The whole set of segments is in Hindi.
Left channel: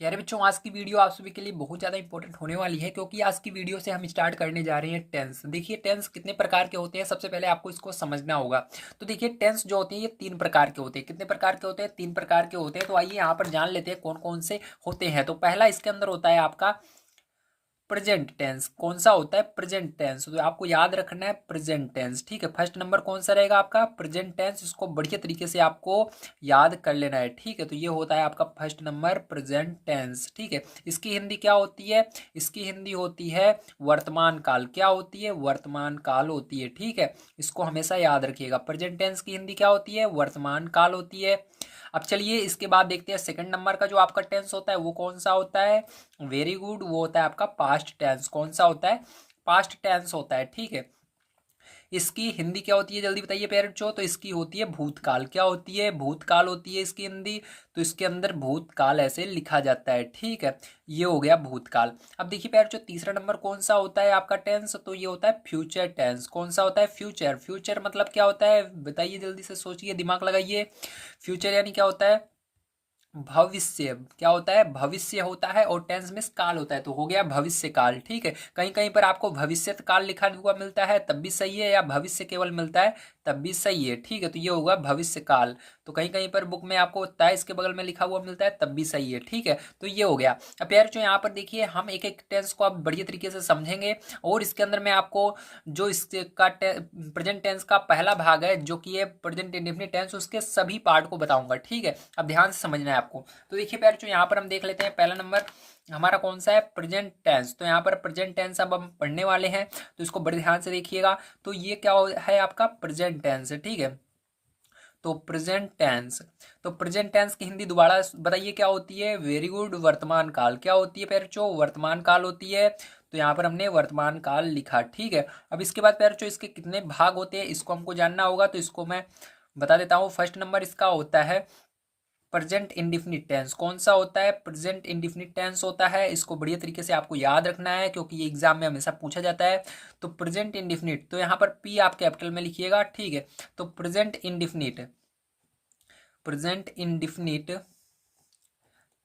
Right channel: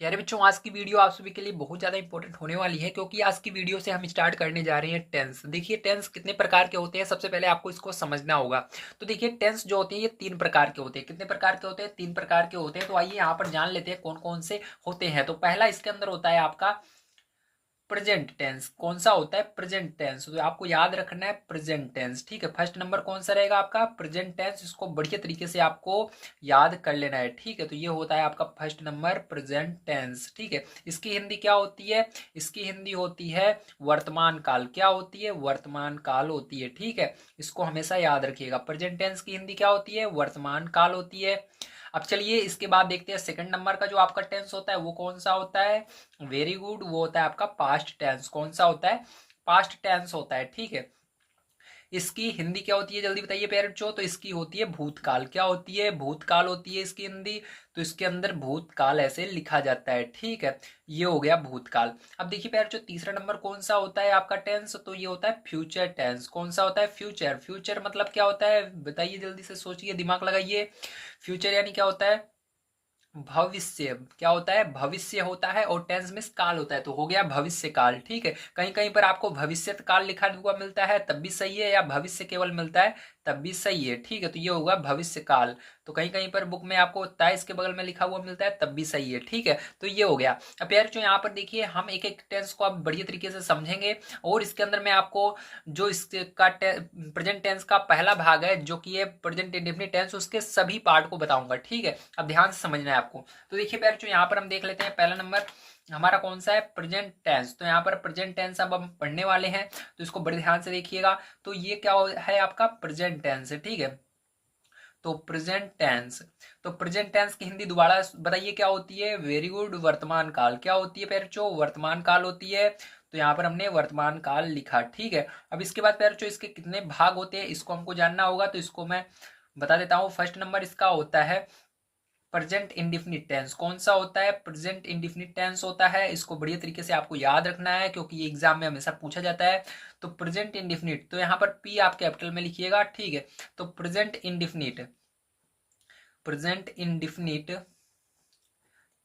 प्यारे बच्चों, आज की वीडियो आप सभी के लिए बहुत ज़्यादा इंपॉर्टेंट होने वाली है क्योंकि आज की वीडियो से हम स्टार्ट करने जा रहे हैं टेंस। देखिए टेंस कितने प्रकार के होते हैं, सबसे पहले आपको इसको समझना होगा। तो देखिए टेंस जो होते हैं ये 3 प्रकार के होते हैं। कितने प्रकार के होते हैं? 3 प्रकार के होते हैं। तो आइए यहाँ पर जान लेते हैं कौन कौन से होते हैं। तो पहला इसके अंदर होता है आपका प्रेजेंट टेंस। कौन सा होता है? Present tense. तो आपको याद रखना है प्रेजेंट टेंस, ठीक है। फर्स्ट नंबर कौन सा रहेगा आपका? Present tense. इसको बढ़िया तरीके से आपको याद कर लेना है, ठीक है। तो ये होता है आपका फर्स्ट नंबर प्रेजेंट टेंस, ठीक है। इसकी हिंदी क्या होती है? इसकी हिंदी होती है वर्तमान काल। क्या होती है? वर्तमान काल होती है, ठीक है। इसको हमेशा याद रखिएगा। प्रेजेंट टेंस की हिंदी क्या होती है? वर्तमान काल होती है। अब चलिए इसके बाद देखते हैं सेकंड नंबर का जो आपका टेंस होता है वो कौन सा होता है? वेरी गुड, वो होता है आपका पास्ट टेंस। कौन सा होता है? पास्ट टेंस होता है, ठीक है। इसकी हिंदी क्या होती है जल्दी बताइए पेरेंट्स। तो इसकी होती है भूतकाल। क्या होती है? भूतकाल होती है इसकी हिंदी। तो इसके अंदर भूतकाल ऐसे लिखा जाता है, ठीक है। ये हो गया भूतकाल। अब देखिए पेरेंट्स, तीसरा नंबर कौन सा होता है आपका टेंस? तो ये होता है फ्यूचर टेंस। कौन सा होता है? फ्यूचर। फ्यूचर मतलब क्या होता है बताइए, जल्दी से सोचिए, दिमाग लगाइए। फ्यूचर यानी क्या होता है? भविष्य। क्या होता है? भविष्य होता है। और टेंस में काल होता है, तो हो गया भविष्य काल, ठीक है। कहीं कहीं पर आपको भविष्य काल लिखा हुआ मिलता है तब भी सही है, या भविष्य केवल मिलता है तब भी सही है, ठीक है। तो ये होगा भविष्य काल। तो कहीं कहीं पर बुक में आपको 23 के बगल में लिखा हुआ मिलता है तब भी सही है, ठीक है। तो ये हो गया। अब यार जो यहाँ पर देखिए हम एक एक टेंस को अब बढ़िया तरीके से समझेंगे। और इसके अंदर मैं आपको जो इसका प्रेजेंट टेंस का पहला भाग है जो कि है प्रेजेंट इंडेफिनिट टेंस, उसके सभी पार्ट को बताऊंगा, ठीक है। अब ध्यान से समझना है आपको। तो देखिए प्यारे यहाँ पर हम देख लेते हैं पहला नंबर हमारा कौन सा है? Present tense. तो यहाँ पर प्रेजेंट टेंस अब हम पढ़ने वाले हैं, तो इसको बड़े ध्यान से देखिएगा। तो ये क्या है आपका? प्रेजेंट टेंस, ठीक है। तो प्रेजेंट टेंस। तो प्रेजेंट टेंस की हिंदी दोबारा बताइए क्या होती है? वेरी गुड, वर्तमान काल। क्या होती है पेरचो? वर्तमान काल होती है। तो यहाँ पर हमने वर्तमान काल लिखा, ठीक है। अब इसके बाद पेरचो इसके कितने भाग होते हैं इसको हमको जानना होगा, तो इसको मैं बता देता हूँ। फर्स्ट नंबर इसका होता है प्रेजेंट इंडिफिनिट टेंस। कौन सा होता है? प्रेजेंट इंडिफिनिट टेंस होता है। इसको बढ़िया तरीके से आपको याद रखना है क्योंकि ये एग्जाम में हमेशा पूछा जाता है। तो प्रेजेंट इंडिफिनिट, तो यहाँ पर पी आप कैपिटल में लिखिएगा, ठीक है। तो present indefinite, present indefinite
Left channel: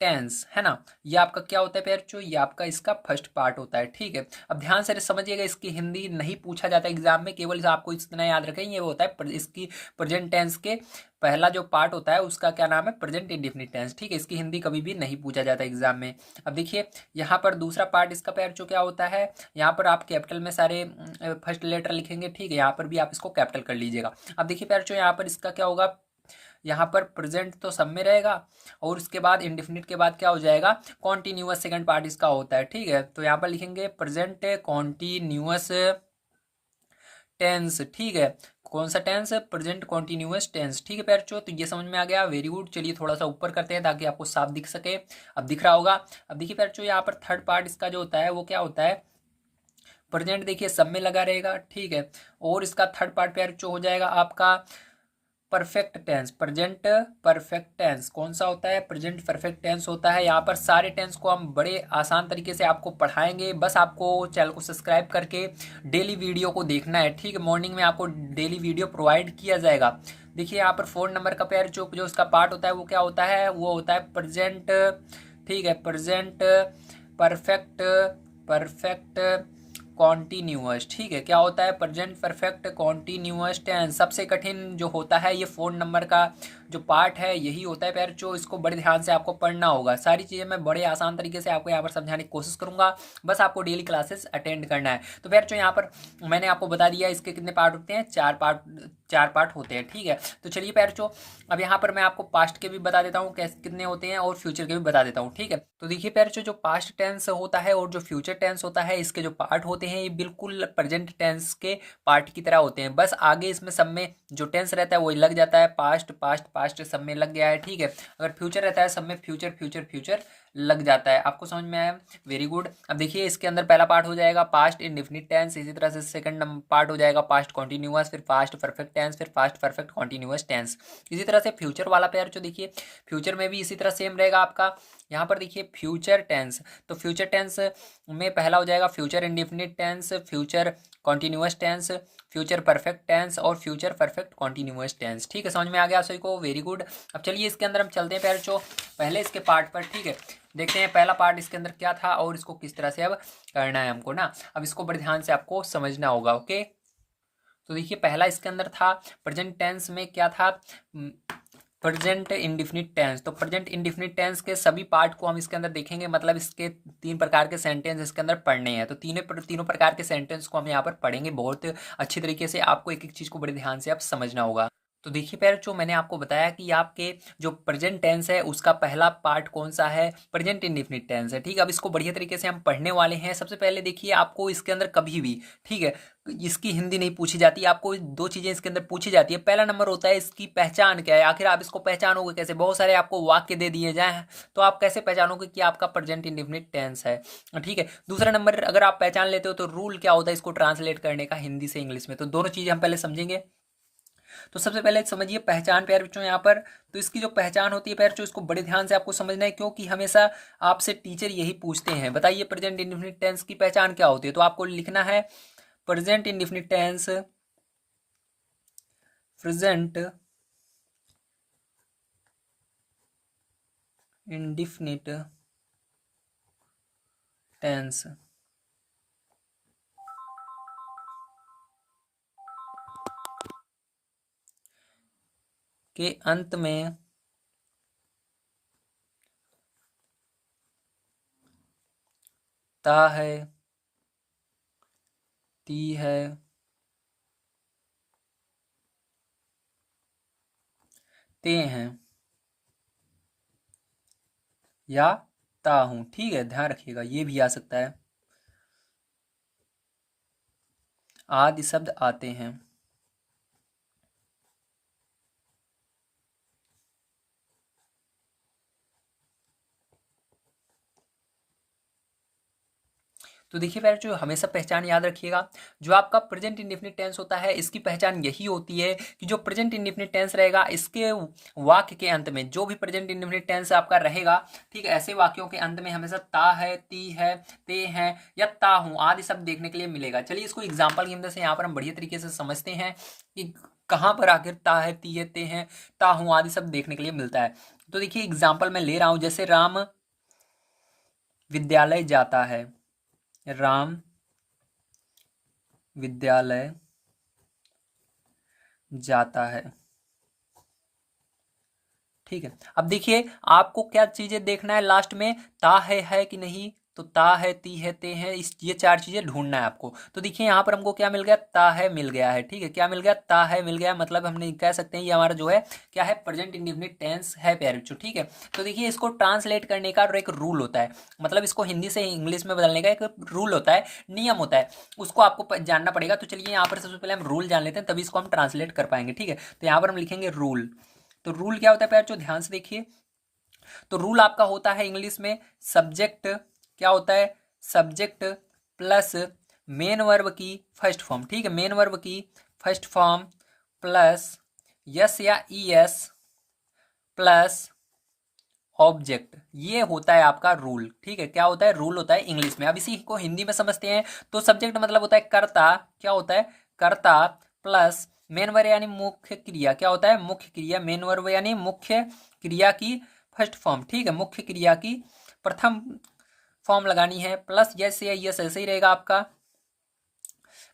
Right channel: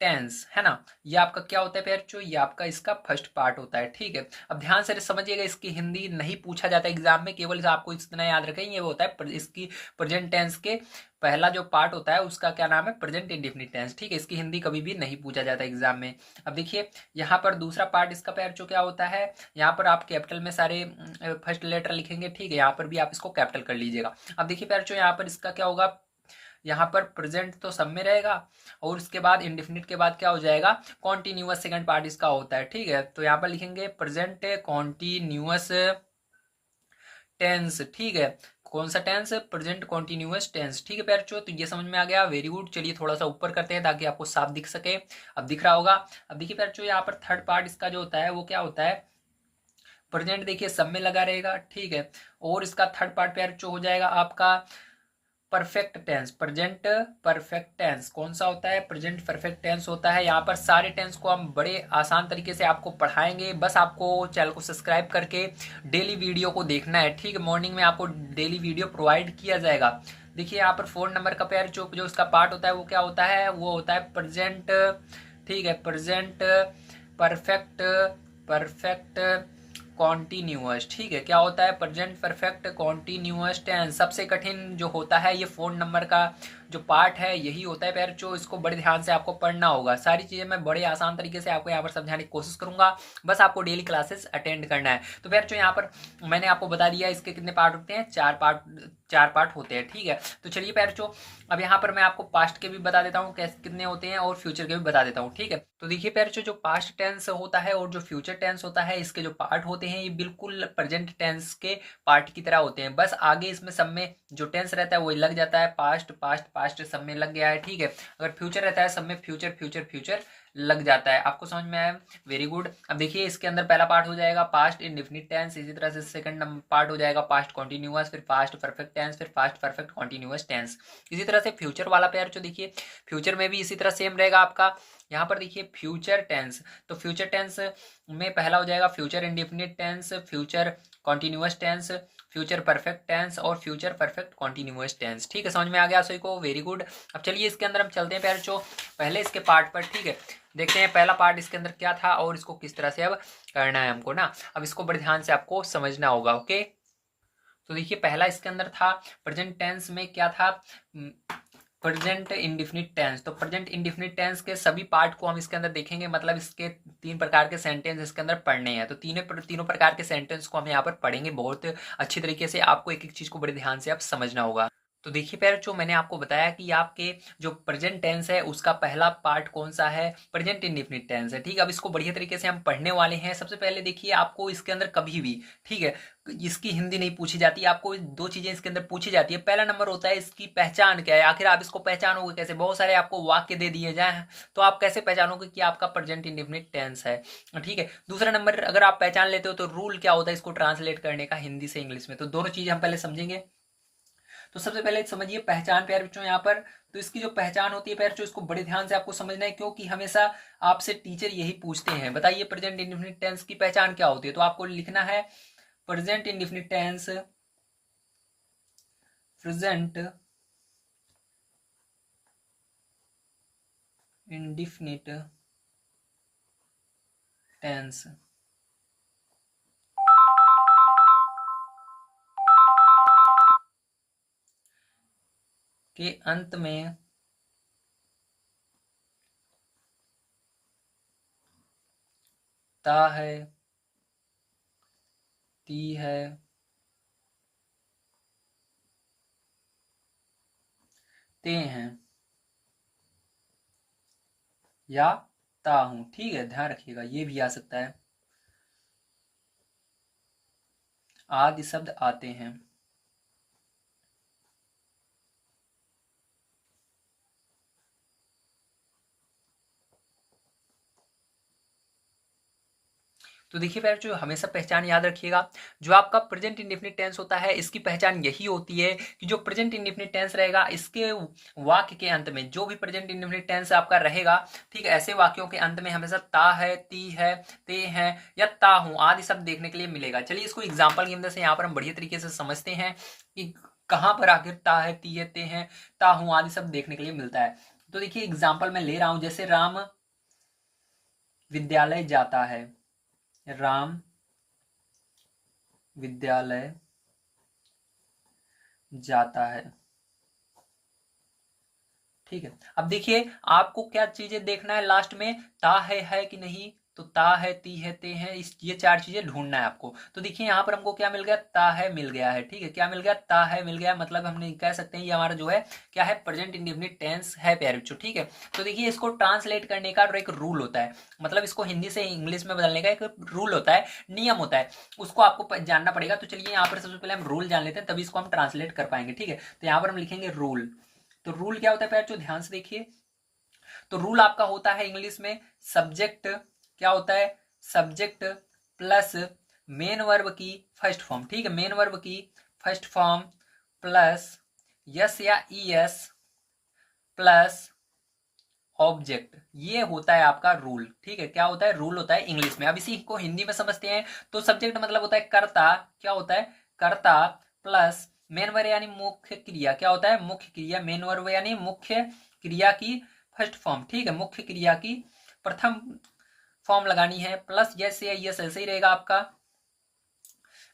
tense है ना, ये आपका क्या होता है पेरचो? ये आपका इसका फर्स्ट पार्ट होता है, ठीक है। अब ध्यान से समझिएगा, इसकी हिंदी नहीं पूछा जाता एग्जाम में, केवल आपको इतना याद रखें ये होता है इसकी प्रेजेंट टेंस के पहला जो पार्ट होता है उसका क्या नाम है? प्रेजेंट इंडिफिनिट टेंस, ठीक है। इसकी हिंदी कभी भी नहीं पूछा जाता एग्जाम में। अब देखिए यहाँ पर दूसरा पार्ट इसका पेरचो क्या होता है? यहाँ पर आप कैपिटल में सारे फर्स्ट लेटर लिखेंगे, ठीक है। यहाँ पर भी आप इसको कैपिटल कर लीजिएगा। अब देखिए पेरचो यहाँ पर इसका क्या होगा? यहाँ पर प्रेजेंट तो सब में रहेगा, और उसके बाद इंडेफिनिट के बाद क्या हो जाएगा? कॉन्टिन्यूअस सेकंड पार्ट इसका होता है, ठीक है। तो यहाँ पर लिखेंगे प्रेजेंट कॉन्टिन्यूअस टेंस, ठीक है। कौन सा टेंस? प्रेजेंट कॉन्टिन्यूअस टेंस, ठीक है पैरचो। तो ये समझ में आ गया, वेरी गुड। चलिए थोड़ा सा ऊपर करते हैं ताकि आपको साफ दिख सके। अब दिख रहा होगा। अब देखिए पैरचो यहाँ पर थर्ड पार्ट इसका जो होता है वो क्या होता है? प्रेजेंट देखिए सब में लगा रहेगा, ठीक है। और इसका थर्ड पार्ट पैरचो हो जाएगा आपका perfect tense. Present perfect tense कौन सा होता है? प्रेजेंट परफेक्ट टेंस होता है। यहाँ पर सारे टेंस को हम बड़े आसान तरीके से आपको पढ़ाएंगे, बस आपको चैनल को सब्सक्राइब करके डेली वीडियो को देखना है, ठीक है। मॉर्निंग में आपको डेली वीडियो प्रोवाइड किया जाएगा। देखिए यहाँ पर 4 नंबर का पैर जो उसका पार्ट होता है वो क्या होता है? वो होता है प्रेजेंट, ठीक है। प्रेजेंट परफेक्ट, परफेक्ट कॉन्टिन्यूअस, ठीक है। क्या होता है? Present perfect continuous tense. सबसे कठिन जो होता है ये 4 नंबर का जो पार्ट है यही होता है पैरचो। इसको बड़े ध्यान से आपको पढ़ना होगा। सारी चीज़ें मैं बड़े आसान तरीके से आपको यहाँ पर समझाने की कोशिश करूंगा, बस आपको डेली क्लासेस अटेंड करना है। तो पैरचो यहाँ पर मैंने आपको बता दिया इसके कितने पार्ट होते हैं? 4 पार्ट होते हैं, ठीक है। तो चलिए पैरचो अब यहाँ पर मैं आपको पास्ट के भी बता देता हूँ कैसे कितने होते हैं, और फ्यूचर के भी बता देता हूँ, ठीक है। तो देखिए पैरचो जो पास्ट टेंस होता है और जो फ्यूचर टेंस होता है इसके जो पार्ट होते हैं ये बिल्कुल प्रेजेंट टेंस के पार्ट की तरह होते हैं। बस आगे इसमें सब में जो टेंस रहता है वो लग जाता है, पास्ट पास्ट पास्ट सब में लग गया है, ठीक है। अगर फ्यूचर रहता है सब में फ्यूचर फ्यूचर फ्यूचर लग जाता है। आपको समझ में आया? Very good. अब देखिए इसके अंदर पहला पार्ट हो जाएगा पास्ट इंडेफिनिट टेंस, इसी तरह से सेकंड पार्ट हो जाएगा पास्ट कॉन्टिन्यूअस, फिर पास्ट परफेक्ट टेंस, फिर पास्ट परफेक्ट कॉन्टिन्यूअस टेंस। इसी तरह से फ्यूचर वाला पेयर जो देखिए फ्यूचर में भी इसी तरह सेम रहेगा आपका। यहाँ पर देखिए फ्यूचर टेंस, तो फ्यूचर टेंस में पहला हो जाएगा future indefinite tense, future continuous tense, future perfect tense और फ्यूचर परफेक्ट कॉन्टिन्यूअस टेंस। ठीक है, समझ में आ गया सभी को, वेरी गुड। अब चलिए इसके अंदर हम चलते हैं पहले इसके पार्ट पर। ठीक है, देखते हैं पहला पार्ट इसके अंदर क्या था और इसको किस तरह से अब करना है हमको ना। अब इसको बड़े ध्यान से आपको समझना होगा। ओके, तो देखिए पहला इसके अंदर था प्रेजेंट टेंस में क्या था, प्रेजेंट इंडिफिनिट टेंस। तो प्रेजेंट इंडिफिनिट टेंस के सभी पार्ट को हम इसके अंदर देखेंगे, मतलब इसके 3 प्रकार के सेंटेंस इसके अंदर पढ़ने हैं। तो तीनों प्रकार के सेंटेंस को हम यहाँ पर पढ़ेंगे बहुत अच्छी तरीके से। आपको एक एक चीज़ को बड़े ध्यान से आप समझना होगा। तो देखिए पहले जो मैंने आपको बताया कि आपके जो प्रेजेंट टेंस है उसका पहला पार्ट कौन सा है, प्रेजेंट इंडिफिनिट टेंस है। ठीक है, अब इसको बढ़िया तरीके से हम पढ़ने वाले हैं। सबसे पहले देखिए आपको इसके अंदर कभी भी, ठीक है, इसकी हिंदी नहीं पूछी जाती, आपको 2 चीज़ें इसके अंदर पूछी जाती है। पहला नंबर होता है इसकी पहचान क्या है, आखिर आप इसको पहचानोगे कैसे। बहुत सारे आपको वाक्य दे दिए जाए तो आप कैसे पहचानोगे कि आपका प्रेजेंट इंडिफिनिट टेंस है। ठीक है, दूसरा नंबर अगर आप पहचान लेते हो तो रूल क्या होता है इसको ट्रांसलेट करने का हिंदी से इंग्लिश में। तो दोनों चीज़ें हम पहले समझेंगे। तो सबसे पहले समझिए पहचान प्यारे बच्चों यहाँ पर। तो इसकी जो पहचान होती है प्यारे बच्चों, इसको बड़े ध्यान से आपको समझना है, क्योंकि हमेशा आपसे टीचर यही पूछते हैं, बताइए प्रेजेंट इंडिफिनिट टेंस की पहचान क्या होती है। तो आपको लिखना है present indefinite tense, present indefinite tense के अंत में ता है, ती है, ते हैं या ता हूं। ठीक है, ध्यान रखिएगा, ये भी आ सकता है, आदि शब्द आते हैं। तो देखिए प्यारे जो हमेशा पहचान याद रखिएगा, जो आपका प्रेजेंट इंडेफिनिट टेंस होता है इसकी पहचान यही होती है कि जो प्रेजेंट इंडेफिनिट टेंस रहेगा इसके वाक्य के अंत में, जो भी प्रेजेंट इंडेफिनिट टेंस आपका रहेगा, ठीक है, ऐसे वाक्यों के अंत में हमेशा ता है, ती है, ते हैं या ता हूं आदि शब्द देखने के लिए मिलेगा। चलिए इसको एग्जाम्पल की मदद से यहाँ पर हम बढ़िया तरीके से समझते हैं कि कहाँ पर आखिर ता है, ती है, ते हैं, ता हूं आदि शब्द देखने के लिए मिलता है। तो देखिए एग्जाम्पल मैं ले रहा हूं, जैसे राम विद्यालय जाता है, राम विद्यालय जाता है। ठीक है, अब देखिए आपको क्या चीजें देखना है लास्ट में, ता है कि नहीं। तो ता है, ती है, ते हैं, इस ये 4 चीजें ढूंढना है आपको। तो देखिए यहाँ पर हमको क्या मिल गया, ता है मिल गया है। ठीक है, क्या मिल गया, ता है मिल गया, मतलब हमने कह सकते हैं ये हमारा जो है क्या है, प्रेजेंट इंडेफिनिट टेंस है प्यारे बच्चों। ठीक है, तो देखिए इसको ट्रांसलेट करने का एक रूल होता है, मतलब इसको हिंदी से इंग्लिश में बदलने का एक रूल होता है, नियम होता है, उसको आपको जानना पड़ेगा। तो चलिए यहाँ पर सबसे पहले हम रूल जान लेते हैं, तभी इसको हम ट्रांसलेट कर पाएंगे। ठीक है, तो यहाँ पर हम लिखेंगे रूल। तो रूल क्या होता है प्यारे, जो ध्यान से देखिए। तो रूल आपका होता है इंग्लिश में सब्जेक्ट, क्या होता है, सब्जेक्ट प्लस मेन वर्ब की फर्स्ट फॉर्म। ठीक है, मेन वर्ब की फर्स्ट फॉर्म प्लस यस या ई एस प्लस ऑब्जेक्ट, ये होता है आपका रूल। ठीक है, क्या होता है, रूल होता है इंग्लिश में। अब इसी को हिंदी में समझते हैं। तो सब्जेक्ट मतलब होता है कर्ता, क्या होता है, कर्ता प्लस मेन वर्ब यानी मुख्य क्रिया, क्या होता है, मुख्य क्रिया। मेन वर्ब यानी मुख्य क्रिया की फर्स्ट फॉर्म। ठीक है, मुख्य क्रिया की प्रथम फॉर्म लगानी है, प्लस यस या यस ऐसे ही रहेगा आपका,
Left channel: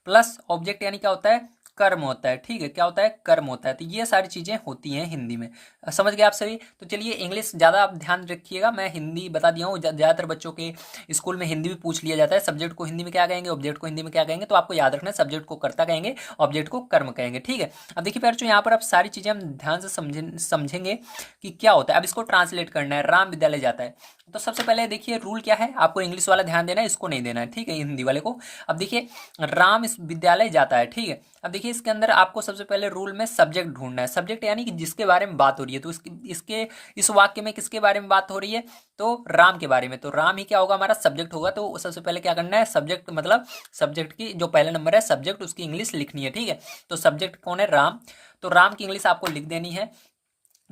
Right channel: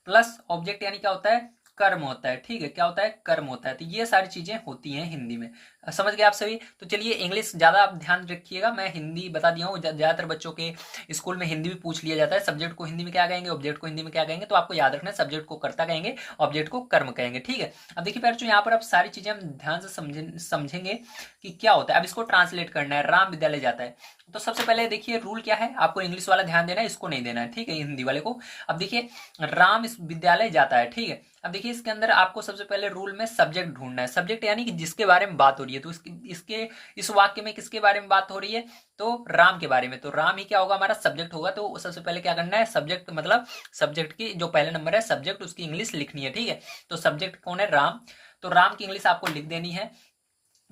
प्लस ऑब्जेक्ट यानी क्या होता है, कर्म होता है। ठीक है, क्या होता है, कर्म होता है। तो ये सारी चीजें होती हैं हिंदी में, समझ गए आप सभी। तो चलिए इंग्लिश ज्यादा आप ध्यान रखिएगा, मैं हिंदी बता दिया हूँ। ज्यादातर बच्चों के स्कूल में हिंदी भी पूछ लिया जाता है, सब्जेक्ट को हिंदी में क्या कहेंगे, ऑब्जेक्ट को हिंदी में क्या कहेंगे। तो आपको याद रखना है सब्जेक्ट को कर्ता कहेंगे, ऑब्जेक्ट को कर्म कहेंगे। ठीक है, अब देखिए प्यारे यहाँ पर आप सारी चीजें हम ध्यान से समझेंगे कि क्या होता है। अब इसको ट्रांसलेट करना है, राम विद्यालय जाता है। तो सबसे पहले देखिए रूल क्या है, आपको इंग्लिश वाला ध्यान देना है, इसको नहीं देना है। ठीक है, हिंदी वाले को। अब देखिए राम इस विद्यालय जाता है। ठीक है, अब देखिए इसके अंदर आपको सबसे पहले रूल में सब्जेक्ट ढूंढना है, सब्जेक्ट यानी कि जिसके बारे में बात हो रही है। तो इसके इस वाक्य में किसके बारे में बात हो रही है, तो राम के बारे में। तो राम ही क्या होगा, हमारा सब्जेक्ट होगा। तो सबसे पहले क्या करना है, सब्जेक्ट मतलब सब्जेक्ट की जो पहले नंबर है सब्जेक्ट, उसकी इंग्लिश लिखनी है। ठीक है, तो सब्जेक्ट कौन है, राम। तो राम की इंग्लिश आपको लिख देनी है,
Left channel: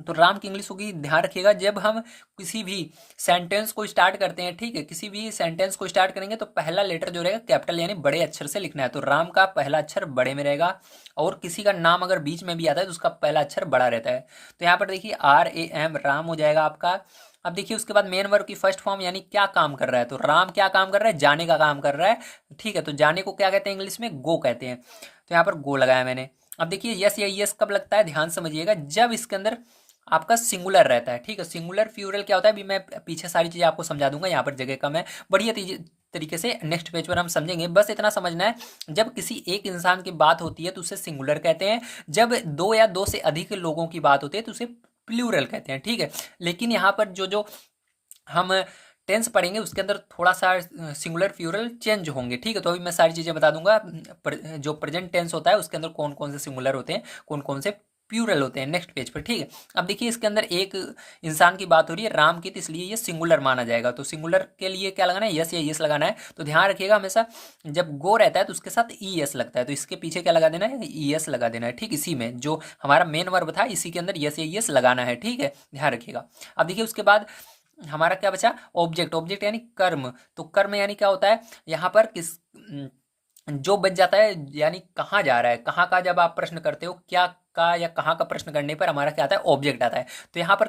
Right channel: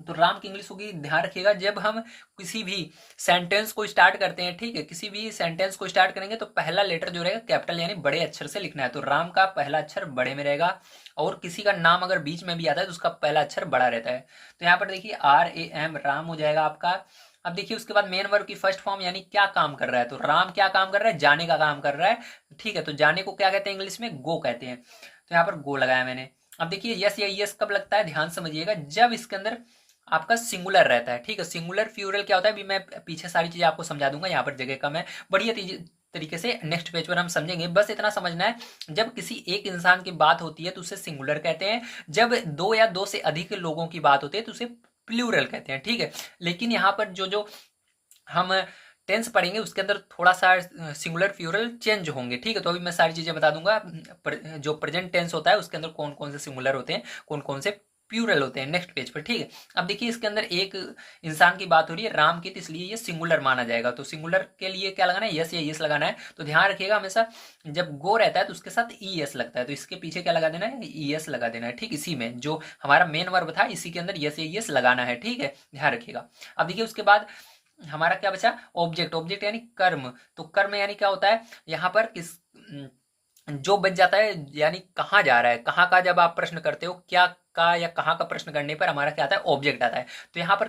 तो राम की इंग्लिश होगी, ध्यान रखिएगा, जब हम किसी भी सेंटेंस को स्टार्ट करते हैं, ठीक है, किसी भी सेंटेंस को स्टार्ट करेंगे तो पहला लेटर जो रहेगा कैपिटल यानी बड़े अक्षर से लिखना है। तो राम का पहला अक्षर बड़े में रहेगा, और किसी का नाम अगर बीच में भी आता है तो उसका पहला अक्षर बड़ा रहता है। तो यहाँ पर देखिए RAM राम हो जाएगा आपका। अब देखिए उसके बाद मेन वर्ब की फर्स्ट फॉर्म यानी क्या काम कर रहा है, तो राम क्या काम कर रहा है, जाने का काम कर रहा है, ठीक है। तो जाने को क्या कहते हैं इंग्लिश में, गो कहते हैं। तो यहाँ पर गो लगाया मैंने। अब देखिए यस या यस कब लगता है, ध्यान समझिएगा, जब इसके अंदर आपका सिंगुलर रहता है, ठीक है। सिंगुलर फ्यूरल क्या होता है, अभी मैं पीछे सारी चीजें आपको समझा दूंगा, यहाँ पर जगह कम है, बढ़िया तरीके से नेक्स्ट पेज पर हम समझेंगे। बस इतना समझना है, जब किसी एक इंसान की बात होती है तो उसे सिंगुलर कहते हैं, जब दो या दो से अधिक लोगों की बात होती है तो उसे प्लूरल कहते हैं, ठीक है। लेकिन यहाँ पर जो जो हम टेंस पढ़ेंगे उसके अंदर थोड़ा सा सिंगुलर फ्यूरल चेंज होंगे, ठीक है। तो अभी मैं सारी चीजें बता दूंगा, जो प्रेजेंट टेंस होता है उसके अंदर कौन कौन से सिंगुलर होते हैं, कौन कौन से प्लूरल होते हैं, नेक्स्ट पेज पर, ठीक है। अब देखिए इसके अंदर एक इंसान की बात हो रही है राम की, तो इसलिए ये सिंगुलर माना जाएगा। तो सिंगुलर के लिए क्या लगाना है, यस या यस लगाना है। तो ध्यान रखिएगा हमेशा जब गो रहता है तो उसके साथ ES लगता है, तो इसके पीछे क्या लगा देना है, ES लगा देना है, ठीक। इसी में जो हमारा मेन वर्ब था इसी के अंदर यस या यस लगाना है, ठीक है, ध्यान रखिएगा। अब देखिए उसके बाद हमारा क्या बचा, ऑब्जेक्ट। ऑब्जेक्ट यानी कर्म। तो कर्म यानी क्या होता है, यहाँ पर किस जो बच जाता है यानी कहाँ जा रहा है, कहाँ का, जब आप प्रश्न करते हो क्या का या कहाँ का प्रश्न करने पर हमारा क्या आता है, ऑब्जेक्ट आता है। तो यहाँ पर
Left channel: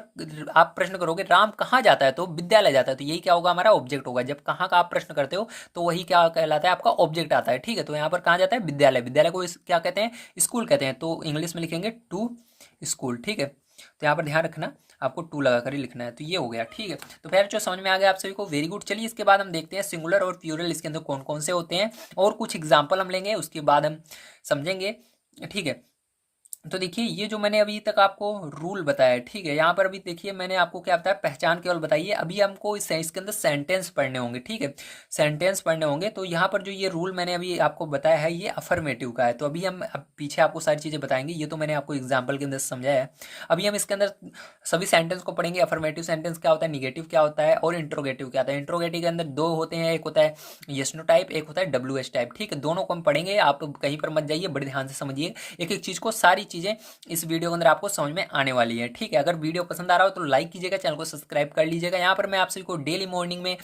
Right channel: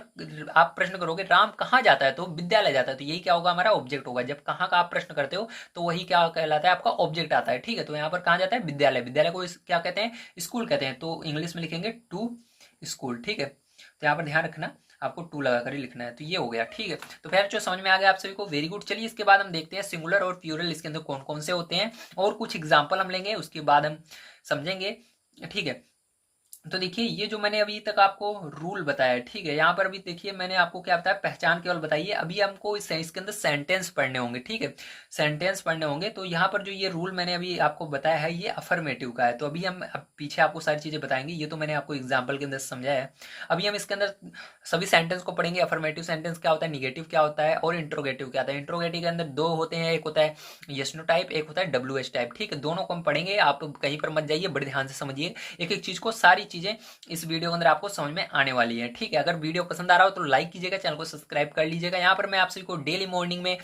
आप प्रश्न करोगे राम कहाँ जाता है, तो विद्यालय जाता है, तो यही क्या होगा, हमारा ऑब्जेक्ट होगा। जब कहाँ का आप प्रश्न करते हो तो वही क्या कहलाता है, आपका ऑब्जेक्ट आता है, ठीक है। तो यहाँ पर कहाँ जाता है, विद्यालय। विद्यालय को क्या कहते हैं, स्कूल कहते हैं। तो इंग्लिश में लिखेंगे टू स्कूल, ठीक है। तो यहाँ पर ध्यान रखना आपको टू लगा कर ही लिखना है। तो ये हो गया, ठीक है। तो फिर जो समझ में आ गया आप सभी को, वेरी गुड। चलिए इसके बाद हम देखते हैं सिंगुलर और प्लूरल इसके अंदर कौन कौन से होते हैं, और कुछ एग्जाम्पल हम लेंगे, उसके बाद हम समझेंगे, ठीक है। तो देखिए ये जो मैंने अभी तक आपको रूल बताया है, ठीक है, यहाँ पर अभी देखिए मैंने आपको क्या बताया, पहचान केवल बताई है। अभी हमको इसके अंदर सेंटेंस पढ़ने होंगे, ठीक है, सेंटेंस पढ़ने होंगे। तो यहाँ पर जो ये रूल मैंने अभी आपको बताया है ये अफर्मेटिव का है। तो अभी हम अब पीछे आपको सारी चीज़ें बताएंगे, ये तो मैंने आपको एग्जाम्पल के अंदर समझाया है। अभी हम इसके अंदर सभी सेंटेंस को पढ़ेंगे। अफर्मेटिव सेंटेंस क्या होता है, निगेटिव क्या होता है, और इंट्रोगेटिव क्या होता है। इंट्रोगेटिव के अंदर दो होते हैं, एक होता है यस नो टाइप, एक होता है WH टाइप, ठीक है। दोनों को हम पढ़ेंगे, आप कहीं पर मत जाइए, बड़े ध्यान से समझिए एक एक चीज़ को, सारी चीज़ें इस वीडियो के अंदर आपको समझ में आने वाली है, ठीक है। अगर वीडियो पसंद आ रहा हो तो लाइक कीजिएगा, चैनल को सब्सक्राइब कर लीजिएगा। यहाँ पर मैं आप सभी को डेली मॉर्निंग में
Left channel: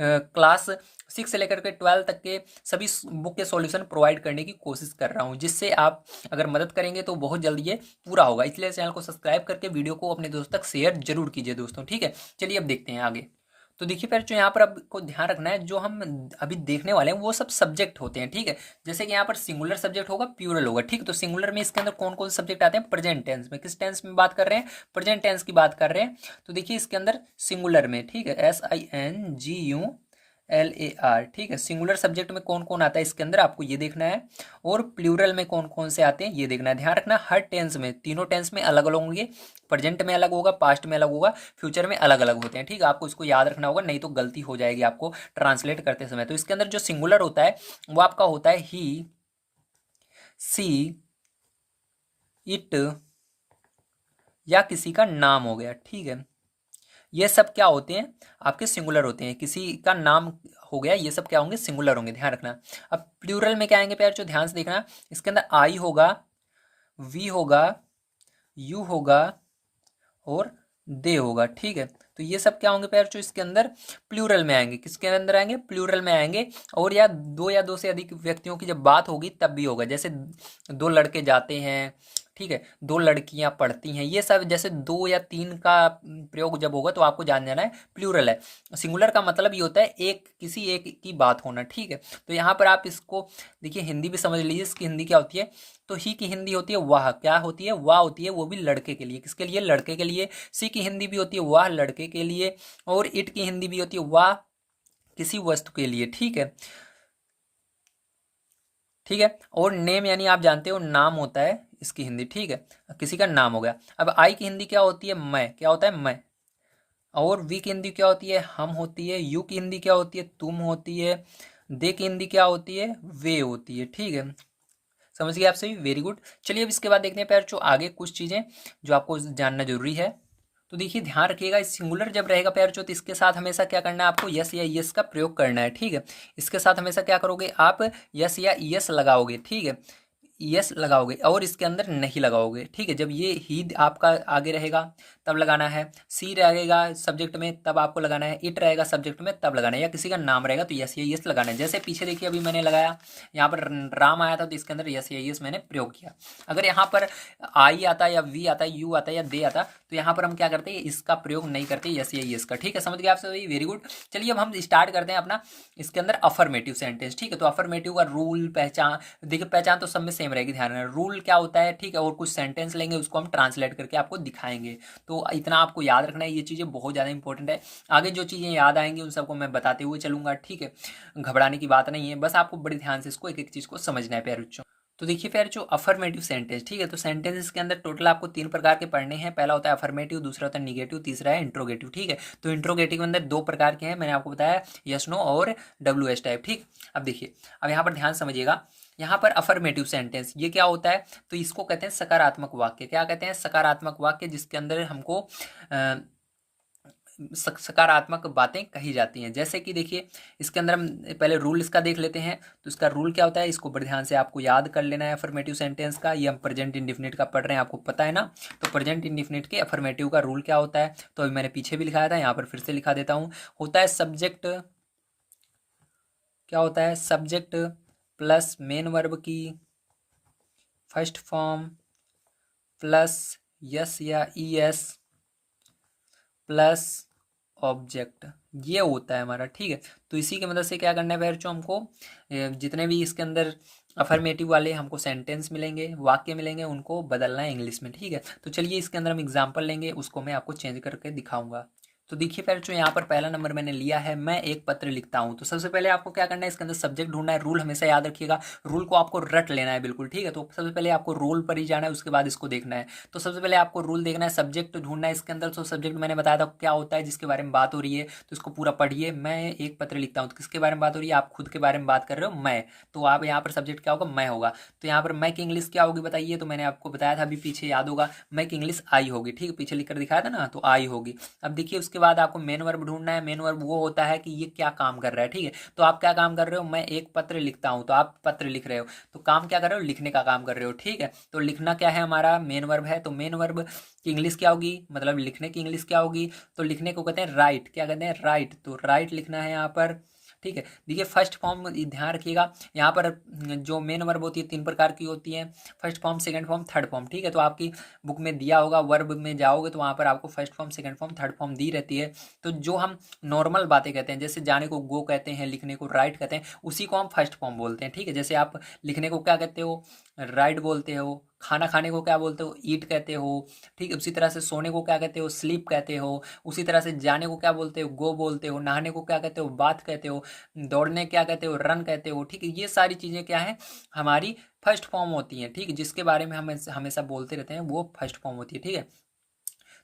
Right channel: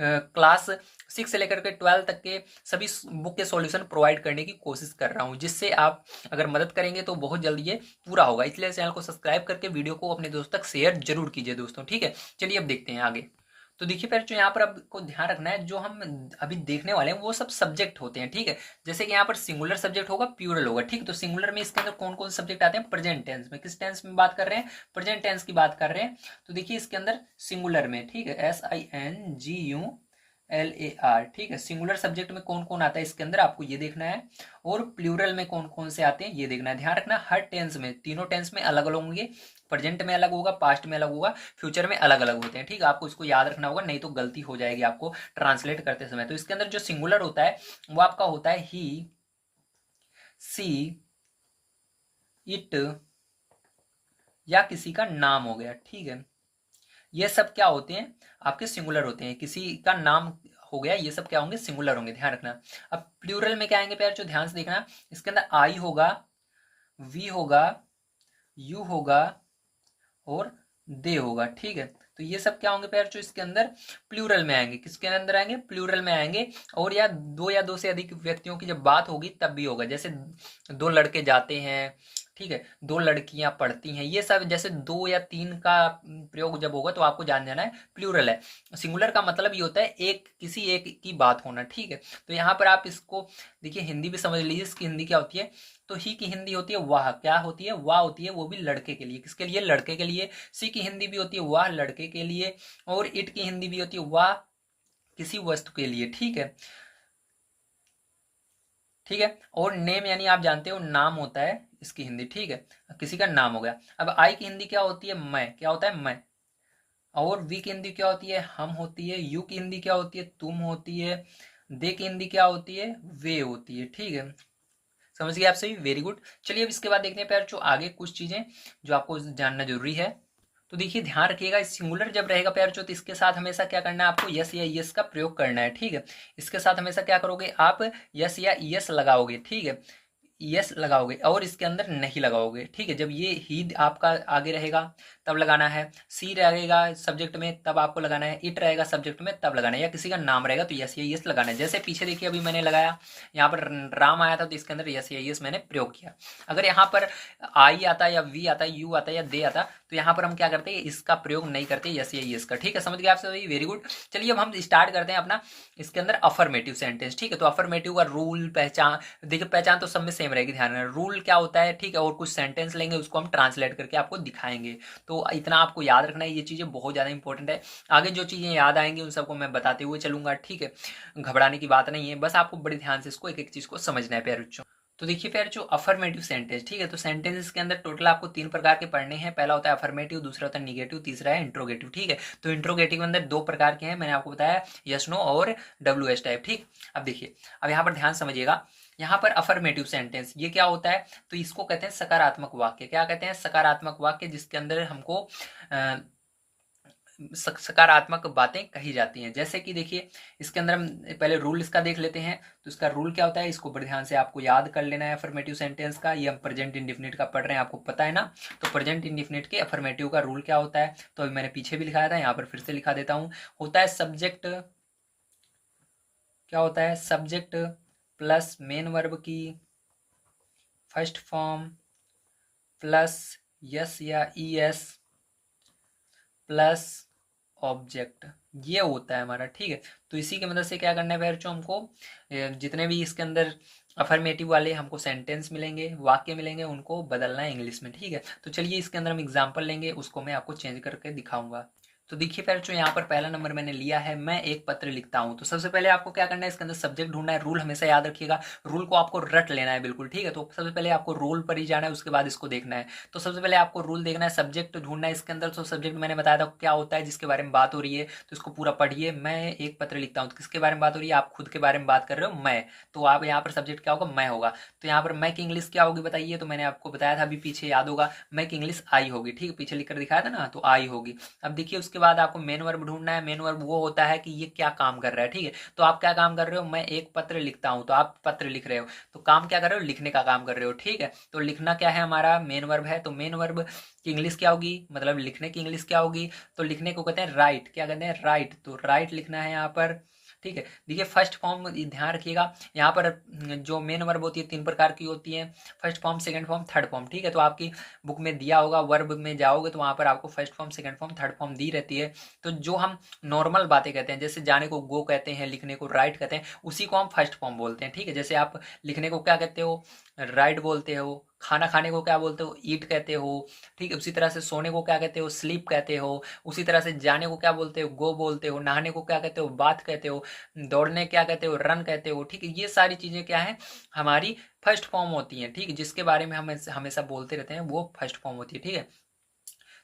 क्लास 6 से लेकर के 12 तक के सभी बुक के सॉल्यूशन प्रोवाइड करने की कोशिश कर रहा हूँ, जिससे आप अगर मदद करेंगे तो बहुत जल्दी ये पूरा होगा। इसलिए चैनल को सब्सक्राइब करके वीडियो को अपने दोस्तों तक शेयर जरूर कीजिए दोस्तों, ठीक है। चलिए अब देखते हैं आगे। तो देखिए फिर जो यहाँ पर आपको ध्यान रखना है, जो हम अभी देखने वाले हैं वो सब सब्जेक्ट होते हैं, ठीक है। जैसे कि यहाँ पर सिंगुलर सब्जेक्ट होगा, प्लूरल होगा, ठीक। तो सिंगुलर में इसके अंदर कौन कौन से सब्जेक्ट आते हैं, प्रेजेंट टेंस में। किस टेंस में बात कर रहे हैं, प्रेजेंट टेंस की बात कर रहे हैं। तो देखिए इसके अंदर सिंगुलर में, ठीक है, SINGULAR, ठीक है। सिंगुलर सब्जेक्ट में कौन कौन आता है इसके अंदर आपको ये देखना है, और प्लूरल में कौन कौन से आते हैं ये देखना है। ध्यान रखना हर टेंस में, तीनों टेंस में अलग अलग होंगे, प्रेजेंट में अलग होगा, पास्ट में अलग होगा, फ्यूचर में अलग अलग होते हैं, ठीक है। आपको इसको याद रखना होगा, नहीं तो गलती हो जाएगी आपको ट्रांसलेट करते समय। तो इसके अंदर जो सिंगुलर होता है वो आपका होता है ही, सी, इट, या किसी का नाम हो गया, ठीक है। ये सब क्या होते हैं, आपके सिंगुलर होते हैं। किसी का नाम हो गया, ये सब क्या होंगे, सिंगुलर होंगे, ध्यान रखना। अब प्लूरल में क्या आएंगे प्यार, जो ध्यान से देखना, इसके अंदर आई होगा, वी होगा, यू होगा, और दे होगा, ठीक है। तो ये सब क्या होंगे पैर, जो इसके अंदर प्लूरल में आएंगे। किसके अंदर आएंगे, प्लूरल में आएंगे। और या दो से अधिक व्यक्तियों की जब बात होगी तब भी होगा। जैसे दो लड़के जाते हैं, ठीक है, दो लड़कियां पढ़ती हैं, ये सब जैसे दो या तीन का प्रयोग जब होगा तो आपको जान जाना है प्लूरल है। सिंगुलर का मतलब ये होता है एक, किसी एक की बात होना, ठीक है। तो यहाँ पर आप इसको देखिए, हिंदी भी समझ लीजिए, इसकी हिंदी क्या होती है। तो ही की हिंदी होती है वाह, क्या होती है, वाह होती है, वो भी लड़के के लिए। किसके लिए, लड़के के लिए। सी की हिंदी भी होती है वाह, लड़के के लिए। और इट की हिंदी भी होती है वाह, किसी वस्तु के लिए, ठीक है, ठीक है। और नेम यानी आप जानते हो नाम होता है इसकी हिंदी, ठीक है, किसी का नाम हो गया। अब आई की हिंदी क्या होती है, मैं, क्या होता है, मैं। और वी की हिंदी क्या होती है, हम होती है। यू की हिंदी क्या होती है, तुम होती है। दे की हिंदी क्या होती है, वे होती है, ठीक है। समझ गए आप सभी, वेरी गुड। चलिए अब इसके बाद देखते हैं पैर जो आगे कुछ चीजें जो आपको जानना जरूरी है। तो देखिए ध्यान रखिएगा, सिंगुलर जब रहेगा पैर जो, तो इसके साथ हमेशा क्या करना है, आपको यस या यस का प्रयोग करना है, ठीक है। इसके साथ हमेशा क्या करोगे आप, यस या यस लगाओगे, ठीक है। यस लगाओगे और इसके अंदर नहीं लगाओगे, ठीक है। जब ये ही आपका आगे रहेगा तब लगाना है, सी रहेगा सब्जेक्ट में तब आपको लगाना है, इट रहेगा सब्जेक्ट में तब लगाना है, या किसी का नाम रहेगा तो यस या यस लगाना है। जैसे पीछे देखिए अभी मैंने लगाया, यहाँ पर राम आया था तो इसके अंदर यस या यस मैंने प्रयोग किया। अगर यहाँ पर आई आता या वी आता यू आता या दे आता तो यहाँ पर हम क्या करते हैं, इसका प्रयोग नहीं करते यस या यस का, ठीक है। समझ गए आप सभी, वेरी गुड। चलिए अब हम स्टार्ट करते हैं अपना इसके अंदर अफर्मेटिव सेंटेंस, ठीक है। तो अफर्मेटिव का रूल पहचान, देखिए पहचान तो सब में सेम रहेगी, ध्यान रखना रूल क्या होता है, ठीक है। और कुछ सेंटेंस लेंगे उसको हम ट्रांसलेट करके आपको दिखाएंगे, तो इतना आपको याद रखना है, ये चीज़ें बहुत ज़्यादा इंपॉर्टेंट है। आगे जो चीज़ें याद आएंगी उन सबको मैं बताते हुए चलूंगा, ठीक है। घबराने की बात नहीं है, बस आपको बड़े ध्यान से इसको एक एक चीज़ को समझना है प्यारे बच्चों। तो देखिए फिर जो अफर्मेटिव सेंटेंस, ठीक है, तो सेंटेंस के अंदर टोटल आपको 3 प्रकार के पढ़ने हैं। पहला होता है अफर्मेटिव, दूसरा होता है निगेटिव, तीसरा है इंट्रोगेटिव, ठीक है। तो इंट्रोगेटिव के अंदर 2 प्रकार के हैं, मैंने आपको बताया यस नो और WH टाइप, ठीक। अब देखिए, अब यहाँ पर ध्यान समझिएगा, यहाँ पर अफर्मेटिव सेंटेंस ये क्या होता है, तो इसको कहते हैं सकारात्मक वाक्य। क्या कहते हैं, सकारात्मक वाक्य, जिसके अंदर हमको सकारात्मक बातें कही जाती हैं। जैसे कि देखिए इसके अंदर हम पहले रूल इसका देख लेते हैं, तो इसका रूल क्या होता है, इसको बड़े ध्यान से आपको याद कर लेना है। अफर्मेटिव सेंटेंस का, ये हम प्रेजेंट इंडिफिनिट का पढ़ रहे हैं, आपको पता है ना। तो प्रेजेंट इंडिफिनिट के अफर्मेटिव का रूल क्या होता है, तो अभी मैंने पीछे भी लिखाया था, यहाँ पर फिर से लिखा देता हूँ। होता है सब्जेक्ट, क्या होता है, सब्जेक्ट प्लस मेन वर्ब की फर्स्ट फॉर्म प्लस यस या ES प्लस ऑब्जेक्ट, ये होता है हमारा, ठीक है। तो इसी की मदद से क्या करना है बच्चों, हमको जितने भी इसके अंदर अफर्मेटिव वाले हमको सेंटेंस मिलेंगे, वाक्य मिलेंगे, उनको बदलना है इंग्लिश में, ठीक है। तो चलिए इसके अंदर हम एग्जांपल लेंगे, उसको मैं आपको चेंज करके दिखाऊंगा। तो देखिए बच्चों, यहाँ पर पहला नंबर मैंने लिया है, मैं एक पत्र लिखता हूँ। तो सबसे पहले आपको क्या करना है, इसके अंदर सब्जेक्ट ढूंढना है। रूल हमेशा याद रखिएगा, रूल को आपको रट लेना है बिल्कुल, ठीक है। तो सबसे पहले आपको रूल पर ही जाना है, उसके बाद इसको देखना है। तो सबसे पहले आपको रूल देखना है, सब्जेक्ट ढूंढना है इसके अंदर। तो सब्जेक्ट मैंने बताया था क्या होता है, जिसके बारे में बात हो रही है, तो इसको पूरा पढ़िए। मैं एक पत्र लिखता हूँ, तो किसके बारे में बात हो रही है, आप खुद के बारे में बात कर रहे हो, मैं। तो आप यहाँ पर सब्जेक्ट क्या होगा, मैं होगा। तो यहाँ पर मैं की इंग्लिश क्या होगी बताइए, तो मैंने आपको बताया था अभी पीछे, याद होगा, मैं की इंग्लिश आई होगी, ठीक है, पीछे लिख कर दिखाया था ना, तो आई होगी। अब देखिए उसके बाद आपको मेन वर्ब ढूंढना है। मेन वर्ब वो होता है कि ये क्या काम कर रहा है, ठीक है। तो आप क्या काम कर रहे हो, मैं एक पत्र लिखता हूँ, तो आप पत्र लिख रहे हो, तो काम क्या कर रहे हो, लिखने का काम कर रहे हो, ठीक है। तो लिखना क्या है, हमारा मेन वर्ब है। तो मेन वर्ब की इंग्लिश क्या होगी, मतलब लिखने की इंग्लिश क्या होगी, तो लिखने को कहते हैं राइट। क्या कहते हैं, राइट। तो राइट लिखना है यहाँ पर, ठीक है। देखिए फर्स्ट फॉर्म ध्यान रखिएगा, यहाँ पर जो मेन वर्ब होती है 3 प्रकार की होती है, first form, second form, third form, ठीक है। तो आपकी बुक में दिया होगा, वर्ब में जाओगे तो वहाँ पर आपको first form, second form, third form दी रहती है। तो जो हम नॉर्मल बातें कहते हैं, जैसे जाने को गो कहते हैं, लिखने को राइट कहते हैं, उसी को हम फर्स्ट फॉर्म बोलते हैं, ठीक है। जैसे आप लिखने को क्या कहते हो, राइट बोलते हो। खाना खाने को क्या बोलते हो, ईट कहते हो, ठीक है। उसी तरह से सोने को क्या कहते हो, स्लीप कहते हो। उसी तरह से जाने को क्या बोलते हो, गो बोलते हो। नहाने को क्या कहते हो, बाथ कहते हो। दौड़ने क्या कहते हो, रन कहते हो, ठीक है। ये सारी चीज़ें क्या है, हमारी फर्स्ट फॉर्म होती हैं, ठीक है। जिसके बारे में हम हमेशा बोलते रहते हैं वो फर्स्ट फॉर्म होती है, ठीक है।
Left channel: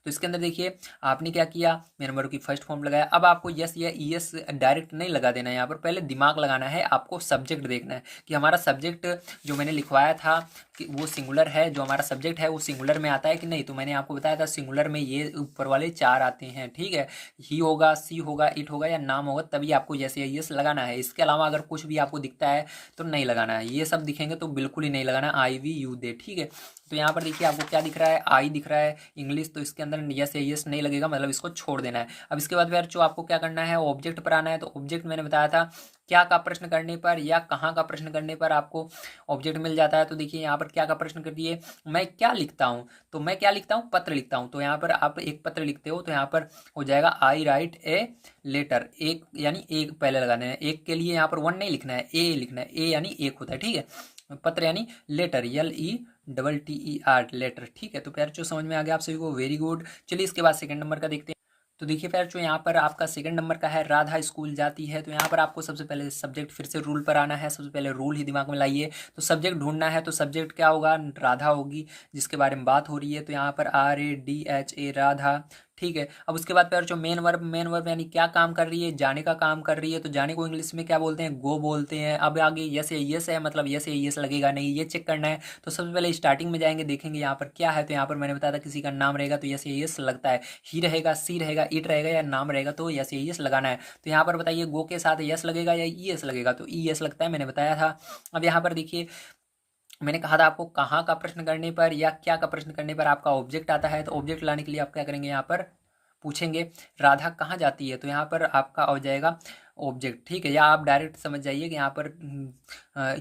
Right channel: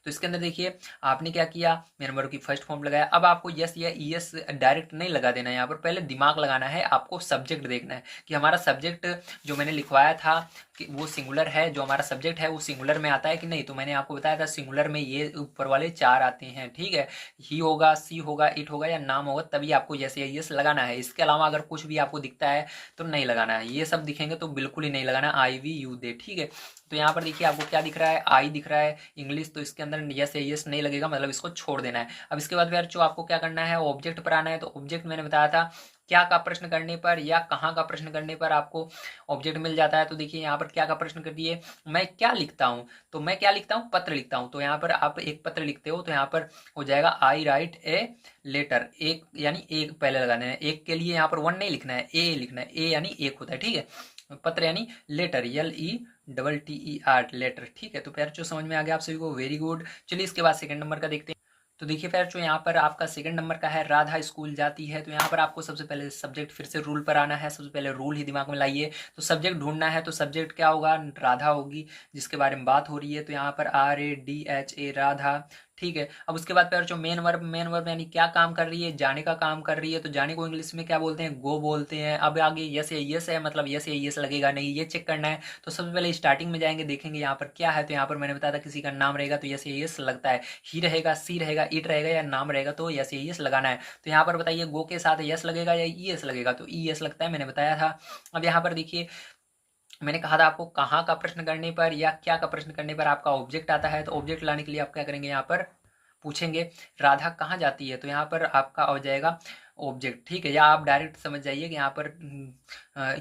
तो इसके अंदर देखिए आपने क्या किया, मेन वर्ब की फर्स्ट फॉर्म लगाया। अब आपको यस या ES डायरेक्ट नहीं लगा देना है, यहाँ पर पहले दिमाग लगाना है, आपको सब्जेक्ट देखना है कि हमारा सब्जेक्ट जो मैंने लिखवाया था कि वो सिंगुलर है, जो हमारा सब्जेक्ट है वो सिंगुलर में आता है कि नहीं। तो मैंने आपको बताया था सिंगुलर में ये ऊपर वाले 4 आते हैं, ठीक है। ही होगा, सी होगा, इट होगा या नाम होगा, तभी आपको यस या ES लगाना है। इसके अलावा अगर कुछ भी आपको दिखता है तो नहीं लगाना है। ये सब दिखेंगे तो बिल्कुल ही नहीं लगाना, आई वी यू दे, ठीक है। तो यहाँ पर देखिए आपको क्या दिख रहा है, आई दिख रहा है इंग्लिश, तो इसके अंदर यस या यस नहीं लगेगा, मतलब इसको छोड़ देना है। अब इसके बाद फिर जो आपको क्या करना है, ऑब्जेक्ट पर आना है। तो ऑब्जेक्ट मैंने बताया था क्या का प्रश्न करने पर या कहाँ का प्रश्न करने पर आपको ऑब्जेक्ट मिल जाता है। तो देखिए यहाँ पर क्या का प्रश्न कर दिए, मैं क्या लिखता हूँ, तो मैं क्या लिखता हूँ, पत्र लिखता हूँ। तो यहाँ पर आप एक पत्र लिखते हो, तो यहाँ पर हो जाएगा आई राइट ए लेटर, एक यानी एक पहले लगाना है। एक के लिए यहाँ पर 1 नहीं लिखना है, ए लिखना है, ए यानी एक होता है, ठीक है। पत्र यानी लेटर, LETTER लेटर, ठीक है। तो प्यार जो समझ में आ गया आप सभी को, वेरी गुड। चलिए इसके बाद सेकंड नंबर का देखते हैं। तो देखिए प्यार जो यहाँ पर आपका सेकंड नंबर का है, राधा स्कूल जाती है। तो यहाँ पर आपको सबसे पहले सब्जेक्ट, फिर से रूल पर आना है, सबसे पहले रूल ही दिमाग में लाइए। तो सब्जेक्ट ढूंढना है, तो सब्जेक्ट क्या होगा, राधा होगी, जिसके बारे में बात हो रही है। तो यहाँ पर RADHA राधा, ठीक है। अब उसके बाद फिर जो मेन वर्ब, मेन वर्ब यानी क्या काम कर रही है, जाने का काम कर रही है। तो जाने को इंग्लिश में क्या बोलते हैं, गो बोलते हैं। अब आगे यस या यस है, मतलब यस या यस लगेगा नहीं, ये चेक करना है। तो सबसे पहले स्टार्टिंग में जाएंगे, देखेंगे यहाँ पर क्या है। तो यहाँ पर मैंने बताया था किसी का नाम रहेगा तो यस या यस लगता है, ही रहेगा, सी रहेगा, इट रहेगा या नाम रहेगा तो यस या यस लगाना है। तो यहाँ पर बताइए गो के साथ यस लगेगा या ES लगेगा, तो ES लगता है, मैंने बताया था। अब यहाँ पर देखिए मैंने कहा था आपको कहाँ का प्रश्न करने पर या क्या का प्रश्न करने पर आपका ऑब्जेक्ट आता है, तो ऑब्जेक्ट लाने के लिए आप क्या करेंगे, यहाँ पर पूछेंगे राधा कहाँ जाती है, तो यहाँ पर आपका हो जाएगा ऑब्जेक्ट, ठीक है। या आप डायरेक्ट समझ जाइए कि यहाँ पर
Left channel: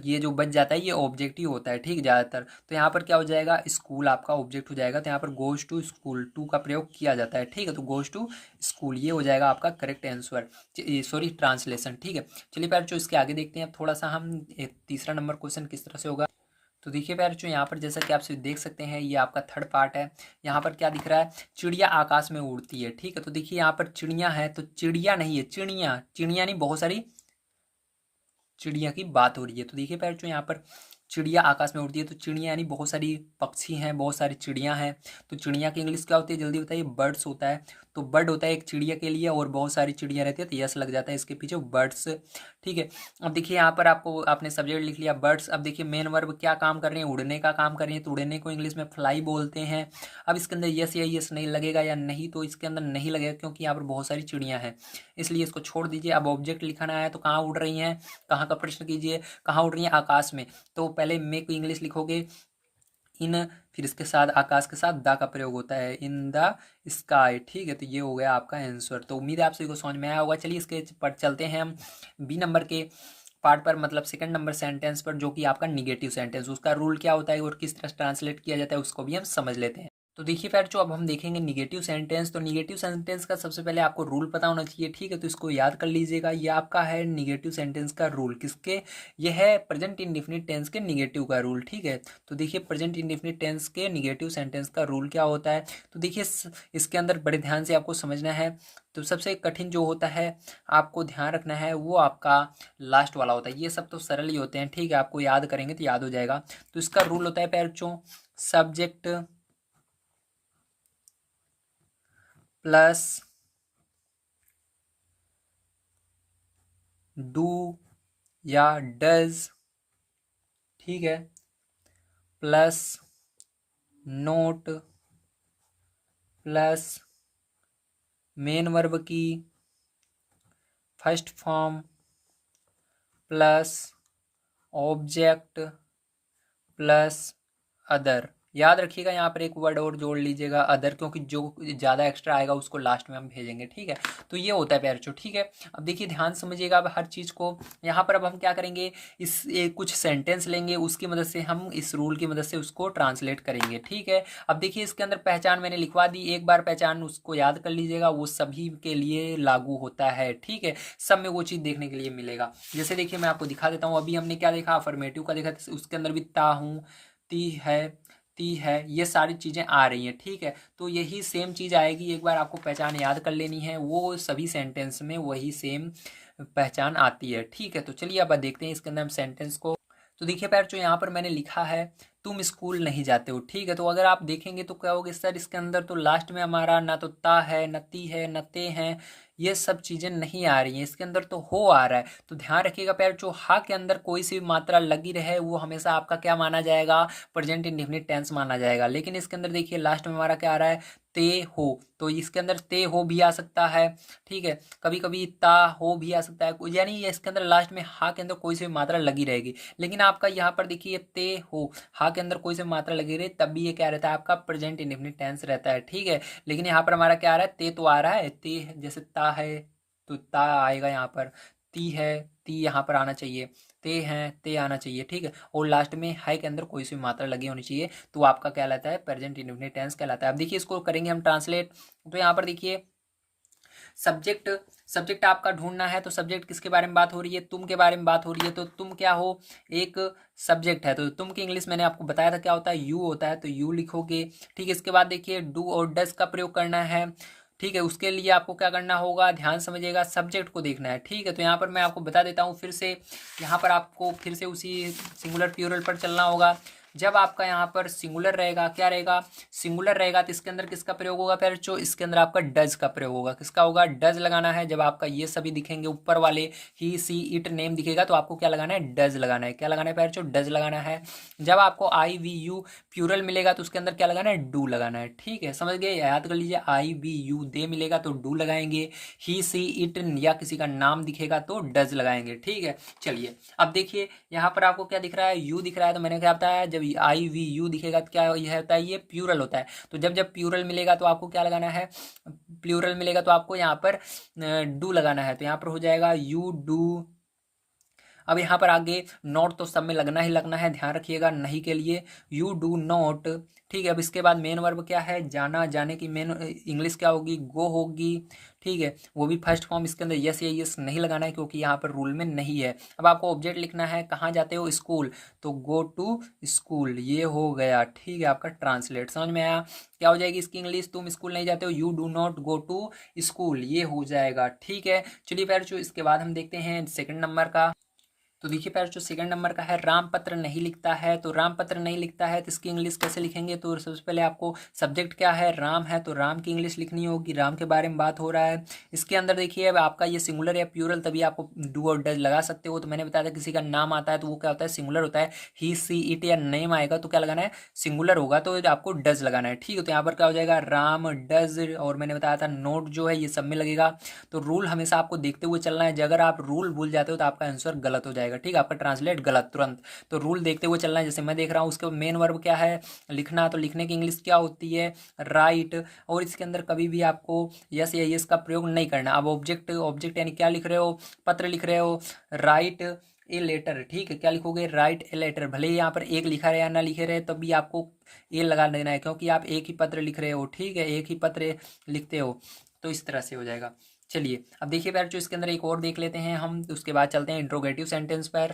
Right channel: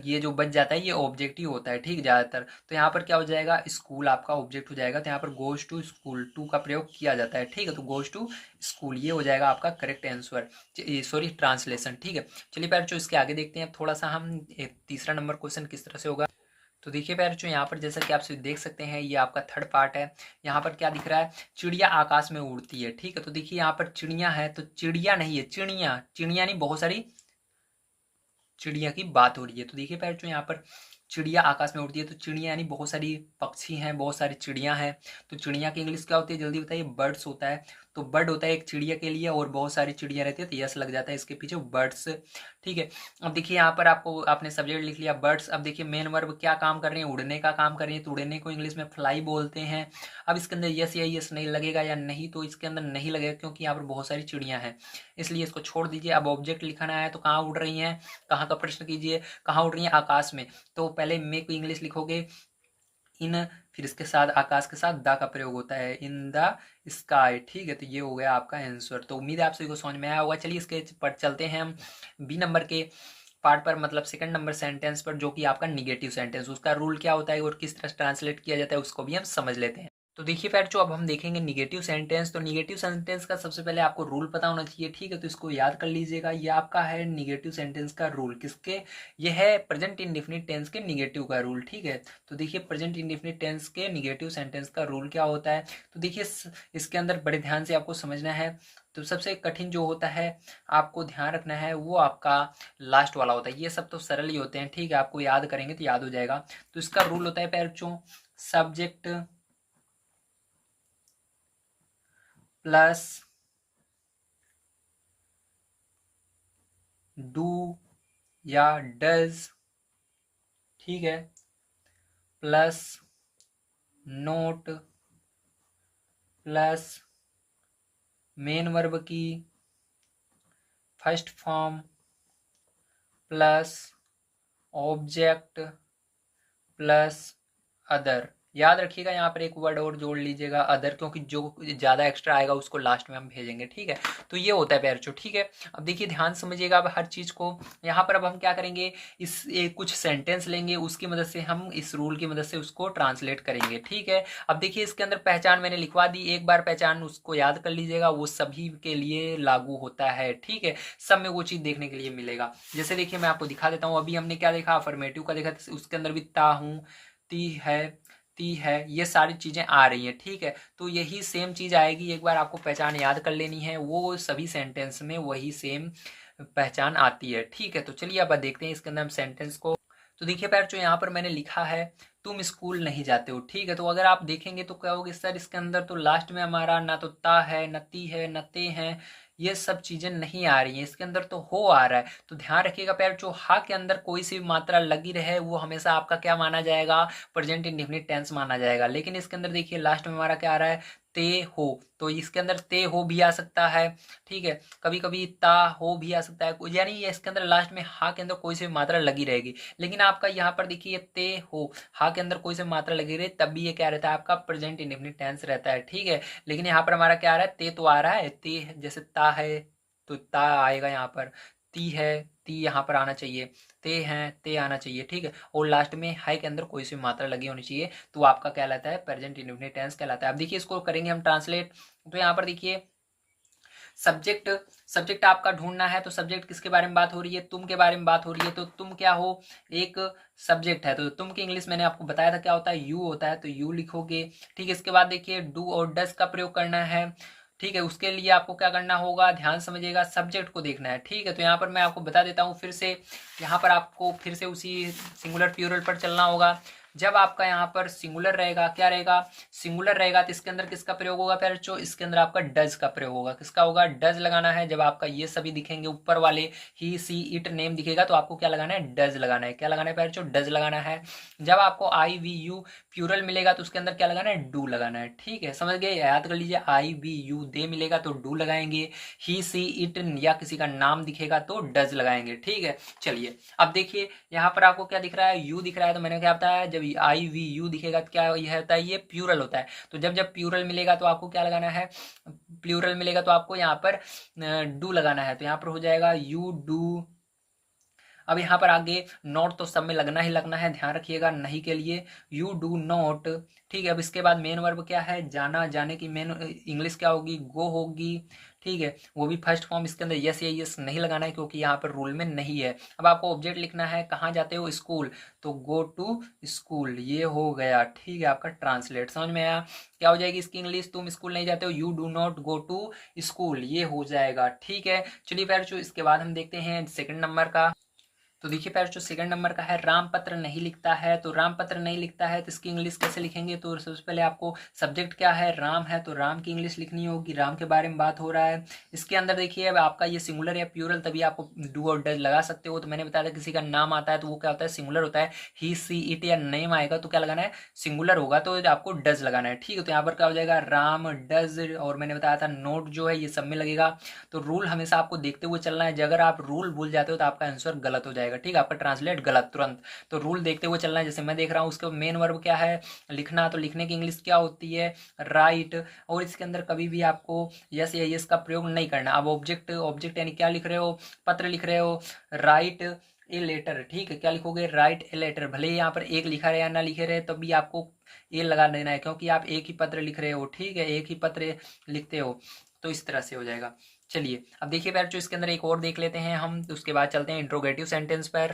ये जो बच जाता है ये ऑब्जेक्ट ही होता है, ठीक, ज़्यादातर। तो यहाँ पर क्या हो जाएगा, स्कूल आपका ऑब्जेक्ट हो जाएगा, तो यहाँ पर गोज टू स्कूल, टू का प्रयोग किया जाता है, ठीक है। तो गोज टू स्कूल ये हो जाएगा आपका करेक्ट आंसर, सॉरी ट्रांसलेशन, ठीक है। चलिए पैर जो इसके आगे देखते हैं, अब थोड़ा सा हम तीसरा नंबर क्वेश्चन किस तरह से होगा। तो देखिए पैर जो यहाँ पर जैसा कि आप सभी देख सकते हैं, ये आपका थर्ड पार्ट है। यहाँ पर क्या दिख रहा है, चिड़िया आकाश में उड़ती है, ठीक है। तो देखिए यहाँ पर चिड़िया है, तो चिड़िया नहीं है, चिड़िया, चिड़िया नहीं, बहुत सारी चिड़िया की बात हो रही है। तो देखिए पैर जो यहाँ पर चिड़िया आकाश में उड़ती है, तो चिड़िया यानी बहुत सारी पक्षी हैं, बहुत सारी चिड़िया हैं। तो चिड़िया की इंग्लिश क्या होती है, जल्दी बताइए, बर्ड्स होता है। तो बर्ड होता है एक चिड़िया के लिए, और बहुत सारी चिड़िया रहती है, तो यस लग जाता है इसके पीछे, बर्ड्स, ठीक है। अब देखिए यहाँ पर आपको आपने सब्जेक्ट लिख लिया बर्ड्स। अब देखिए मेन वर्ब क्या काम कर रहे हैं, उड़ने का काम कर रही है, तो उड़ने को इंग्लिश में फ्लाई बोलते हैं। अब इसके अंदर यस या यस नहीं लगेगा या नहीं, तो इसके अंदर नहीं लगेगा क्योंकि यहाँ पर बहुत सारी चिड़ियाँ हैं, इसलिए इसको छोड़ दीजिए। अब ऑब्जेक्ट लिखाना है, तो कहाँ उड़ रही हैं, कहाँ का प्रश्न कीजिए, कहाँ उड़ रही हैं, आकाश में। तो पहले मे को इंग्लिश लिखोगे इन, फिर इसके साथ आकाश के साथ दा का प्रयोग होता है, इन द स्काई, ठीक है। तो ये हो गया आपका आंसर। तो उम्मीद है आप सभी को समझ में आया होगा। चलिए इसके पर चलते हैं हम बी नंबर के पार्ट पर, मतलब सेकंड नंबर सेंटेंस पर, जो कि आपका निगेटिव सेंटेंस, उसका रूल क्या होता है और किस तरह ट्रांसलेट किया जाता है उसको भी हम समझ लेते हैं। तो देखिए फिर जो अब हम देखेंगे निगेटिव सेंटेंस, तो निगेटिव सेंटेंस का सबसे पहले आपको रूल पता होना चाहिए, ठीक है। तो इसको याद कर लीजिएगा, ये आपका है निगेटिव सेंटेंस का रूल, किसके, ये है प्रेजेंट इंडेफिनिट टेंस के निगेटिव का रूल, ठीक है। तो देखिए प्रेजेंट इंडेफिनिट टेंस के निगेटिव सेंटेंस का रूल क्या होता है, तो देखिए इसके अंदर बड़े ध्यान से आपको समझना है। तो सबसे कठिन जो होता है आपको ध्यान रखना है, वो आपका लास्ट वाला होता है। ये सब तो सरल ही होते हैं, ठीक है, आपको याद करेंगे तो याद हो जाएगा। तो इसका रूल होता है पैरचों, सब्जेक्ट प्लस डू या डज, ठीक है, plus not plus main verb की first form plus object plus other. याद रखिएगा यहाँ पर एक वर्ड और जोड़ लीजिएगा, अदर, क्योंकि जो ज़्यादा एक्स्ट्रा आएगा उसको लास्ट में हम भेजेंगे, ठीक है। तो ये होता है पैरचो, ठीक है। अब देखिए ध्यान समझिएगा अब हर चीज़ को। यहाँ पर अब हम क्या करेंगे, इस कुछ सेंटेंस लेंगे, उसकी मदद से हम इस रूल की मदद से उसको ट्रांसलेट करेंगे, ठीक है। अब देखिए इसके अंदर पहचान मैंने लिखवा दी, एक बार पहचान उसको याद कर लीजिएगा, वो सभी के लिए लागू होता है, ठीक है। सब में वो चीज़ देखने के लिए मिलेगा। जैसे देखिए मैं आपको दिखा देता हूँ, अभी हमने क्या देखा, अफर्मेटिव का देखा, उसके अंदर भी ता हूँ, ती है, ती है, ये सारी चीज़ें आ रही हैं, ठीक है। तो यही सेम चीज़ आएगी, एक बार आपको पहचान याद कर लेनी है, वो सभी सेंटेंस में वही सेम पहचान आती है, ठीक है। तो चलिए अब देखते हैं इसके अंदर हम सेंटेंस को। तो देखिए पैर जो यहाँ पर मैंने लिखा है, तुम स्कूल नहीं जाते हो, ठीक है। तो अगर आप देखेंगे तो क्या होगा सर, इसके अंदर तो लास्ट में हमारा ना तो ता है, न ती है, न ते हैं, ये सब चीज़ें नहीं आ रही हैं, इसके अंदर तो हो आ रहा है। तो ध्यान रखिएगा पैर जो हा के अंदर कोई सी भी मात्रा लगी रहे वो हमेशा आपका क्या माना जाएगा, प्रेजेंट इंडेफिनिट टेंस माना जाएगा। लेकिन इसके अंदर देखिए लास्ट में हमारा क्या आ रहा है, ते हो, तो इसके अंदर ते हो भी आ सकता है, ठीक है। कभी कभी ता हो भी आ सकता है, यानी ये इसके अंदर लास्ट में हा के अंदर कोई सी मात्रा लगी रहेगी। लेकिन आपका यहाँ पर देखिए ते हो, हा के अंदर कोई सी मात्रा लगी रही तब भी ये क्या रहता है, आपका प्रेजेंट इंडेफिनिट टेंस रहता है, ठीक है। लेकिन यहाँ पर हमारा क्या आ रहा है, ते तो आ रहा है, ते जैसे ता है तो ता आएगा यहाँ पर, ती है, ती यहाँ पर आना चाहिए, ते हैं, ते आना चाहिए, ठीक है। और लास्ट में है के अंदर कोई सी मात्रा लगी होनी चाहिए, तो आपका क्या कहलाता है, प्रेजेंट इंडेफिनिट टेंस कहलाता है। अब देखिए इसको करेंगे हम ट्रांसलेट। तो यहाँ पर देखिए सब्जेक्ट, सब्जेक्ट आपका ढूंढना है, तो सब्जेक्ट किसके बारे में बात हो रही है, तुम के बारे में बात हो रही है। तो तुम क्या हो, एक सब्जेक्ट है, तो तुम की इंग्लिश मैंने आपको बताया था क्या होता है, यू होता है, तो यू लिखोगे, ठीक है। इसके बाद देखिए डू और डज का प्रयोग करना है, ठीक है। उसके लिए आपको क्या करना होगा, ध्यान समझिएगा, सब्जेक्ट को देखना है, ठीक है। तो यहाँ पर मैं आपको बता देता हूँ फिर से, यहाँ पर आपको फिर से उसी सिंगुलर प्लूरल पर चलना होगा। जब आपका यहाँ पर सिंगुलर रहेगा, क्या रहेगा, सिंगुलर रहेगा, तो इसके अंदर किसका प्रयोग होगा फिर जो, इसके अंदर आपका डज का प्रयोग होगा। किसका होगा, डज लगाना है। जब आपका ये सभी दिखेंगे ऊपर वाले, ही सी इट नेम दिखेगा, तो आपको क्या लगाना है, डज लगाना है। क्या लगाना है फिर जो, डज लगाना है। जब आपको आई वी यू प्यूरल मिलेगा तो उसके अंदर क्या लगाना है, डू लगाना है। ठीक है, समझ गए, याद कर लीजिए। आई वी यू दे मिलेगा तो डू लगाएंगे, ही सी इट या किसी का नाम दिखेगा तो डज लगाएंगे। ठीक है, चलिए अब देखिए यहाँ पर आपको क्या दिख रहा है, यू दिख रहा है, तो मैंने क्या बताया, जब आई वी यू दिखेगा तो क्या यह होता है, ये प्लूरल होता है। तो जब जब प्लूरल मिलेगा तो आपको क्या लगाना है, प्लूरल मिलेगा तो आपको यहाँ पर डू लगाना है। तो यहाँ पर हो जाएगा यू डू। अब यहाँ पर आगे नॉट तो सब में लगना ही लगना है, ध्यान रखिएगा, नहीं के लिए यू डू नॉट। ठीक है, अब इसके बाद मेन वर्ब क्या है, जाना, जाने की मेन इंग्लिश क्या होगी, गो होगी। ठीक है, वो भी फर्स्ट फॉर्म, इसके अंदर यस या यस नहीं लगाना है क्योंकि यहाँ पर रूल में नहीं है। अब आपको ऑब्जेक्ट लिखना है, कहाँ जाते हो, स्कूल, तो गो टू स्कूल, ये हो गया। ठीक है, आपका ट्रांसलेट समझ में आया। क्या हो जाएगी इसकी इंग्लिश, तुम स्कूल नहीं जाते हो, you do not go to school, ये हो जाएगा। ठीक है, चलिए फिर जो इसके बाद हम देखते हैं सेकंड नंबर का। तो देखिए पैर जो सेकंड नंबर का है, रामपत्र नहीं लिखता है। तो रामपत्र नहीं लिखता है तो इसकी इंग्लिश कैसे लिखेंगे, तो सबसे पहले आपको सब्जेक्ट क्या है, राम है, तो राम की इंग्लिश लिखनी होगी, राम के बारे में बात हो रहा है। इसके अंदर देखिए अब आपका ये सिंगुलर या प्यूरल, तभी आपको डू और डज लगा सकते हो। तो मैंने बताया था किसी का नाम आता है तो वो क्या होता है, सिंगुलर होता है। ही सी इट या नेम आएगा तो क्या लगाना है, सिंगुलर होगा तो आपको डज लगाना है। ठीक है, तो यहाँ पर क्या हो जाएगा, राम डज, और मैंने बताया था नोट जो है ये सब में लगेगा। तो रूल हमेशा आपको देखते हुए चलना है, अगर आप रूल भूल जाते हो तो आपका आंसर गलत हो जाएगा। ठीक है, आपका ट्रांसलेट गलत तुरंत। तो रूल देखते हुए चलना है, जैसे मैं देख रहा हूँ उसके मेन वर्ब क्या है, लिखना। तो लिखने की इंग्लिश क्या होती है, राइट। और इसके अंदर कभी भी आपको यस या यस का प्रयोग नहीं करना। अब ऑब्जेक्ट, ऑब्जेक्ट यानी क्या लिख रहे हो, पत्र लिख रहे हो, राइट ए लेटर। ठीक है, क्या लिखोगे, राइट ए लेटर। भले ही यहाँ पर एक लिखा रहे या ना लिखे रहे, तब भी आपको ए लगा देना है क्योंकि आप एक ही पत्र लिख रहे हो। ठीक है, एक ही पत्र लिखते हो, तो इस तरह से हो जाएगा। चलिए अब देखिए पैर जो इसके अंदर एक और देख लेते हैं हम, तो उसके बाद चलते हैं इंट्रोगेटिव सेंटेंस पर।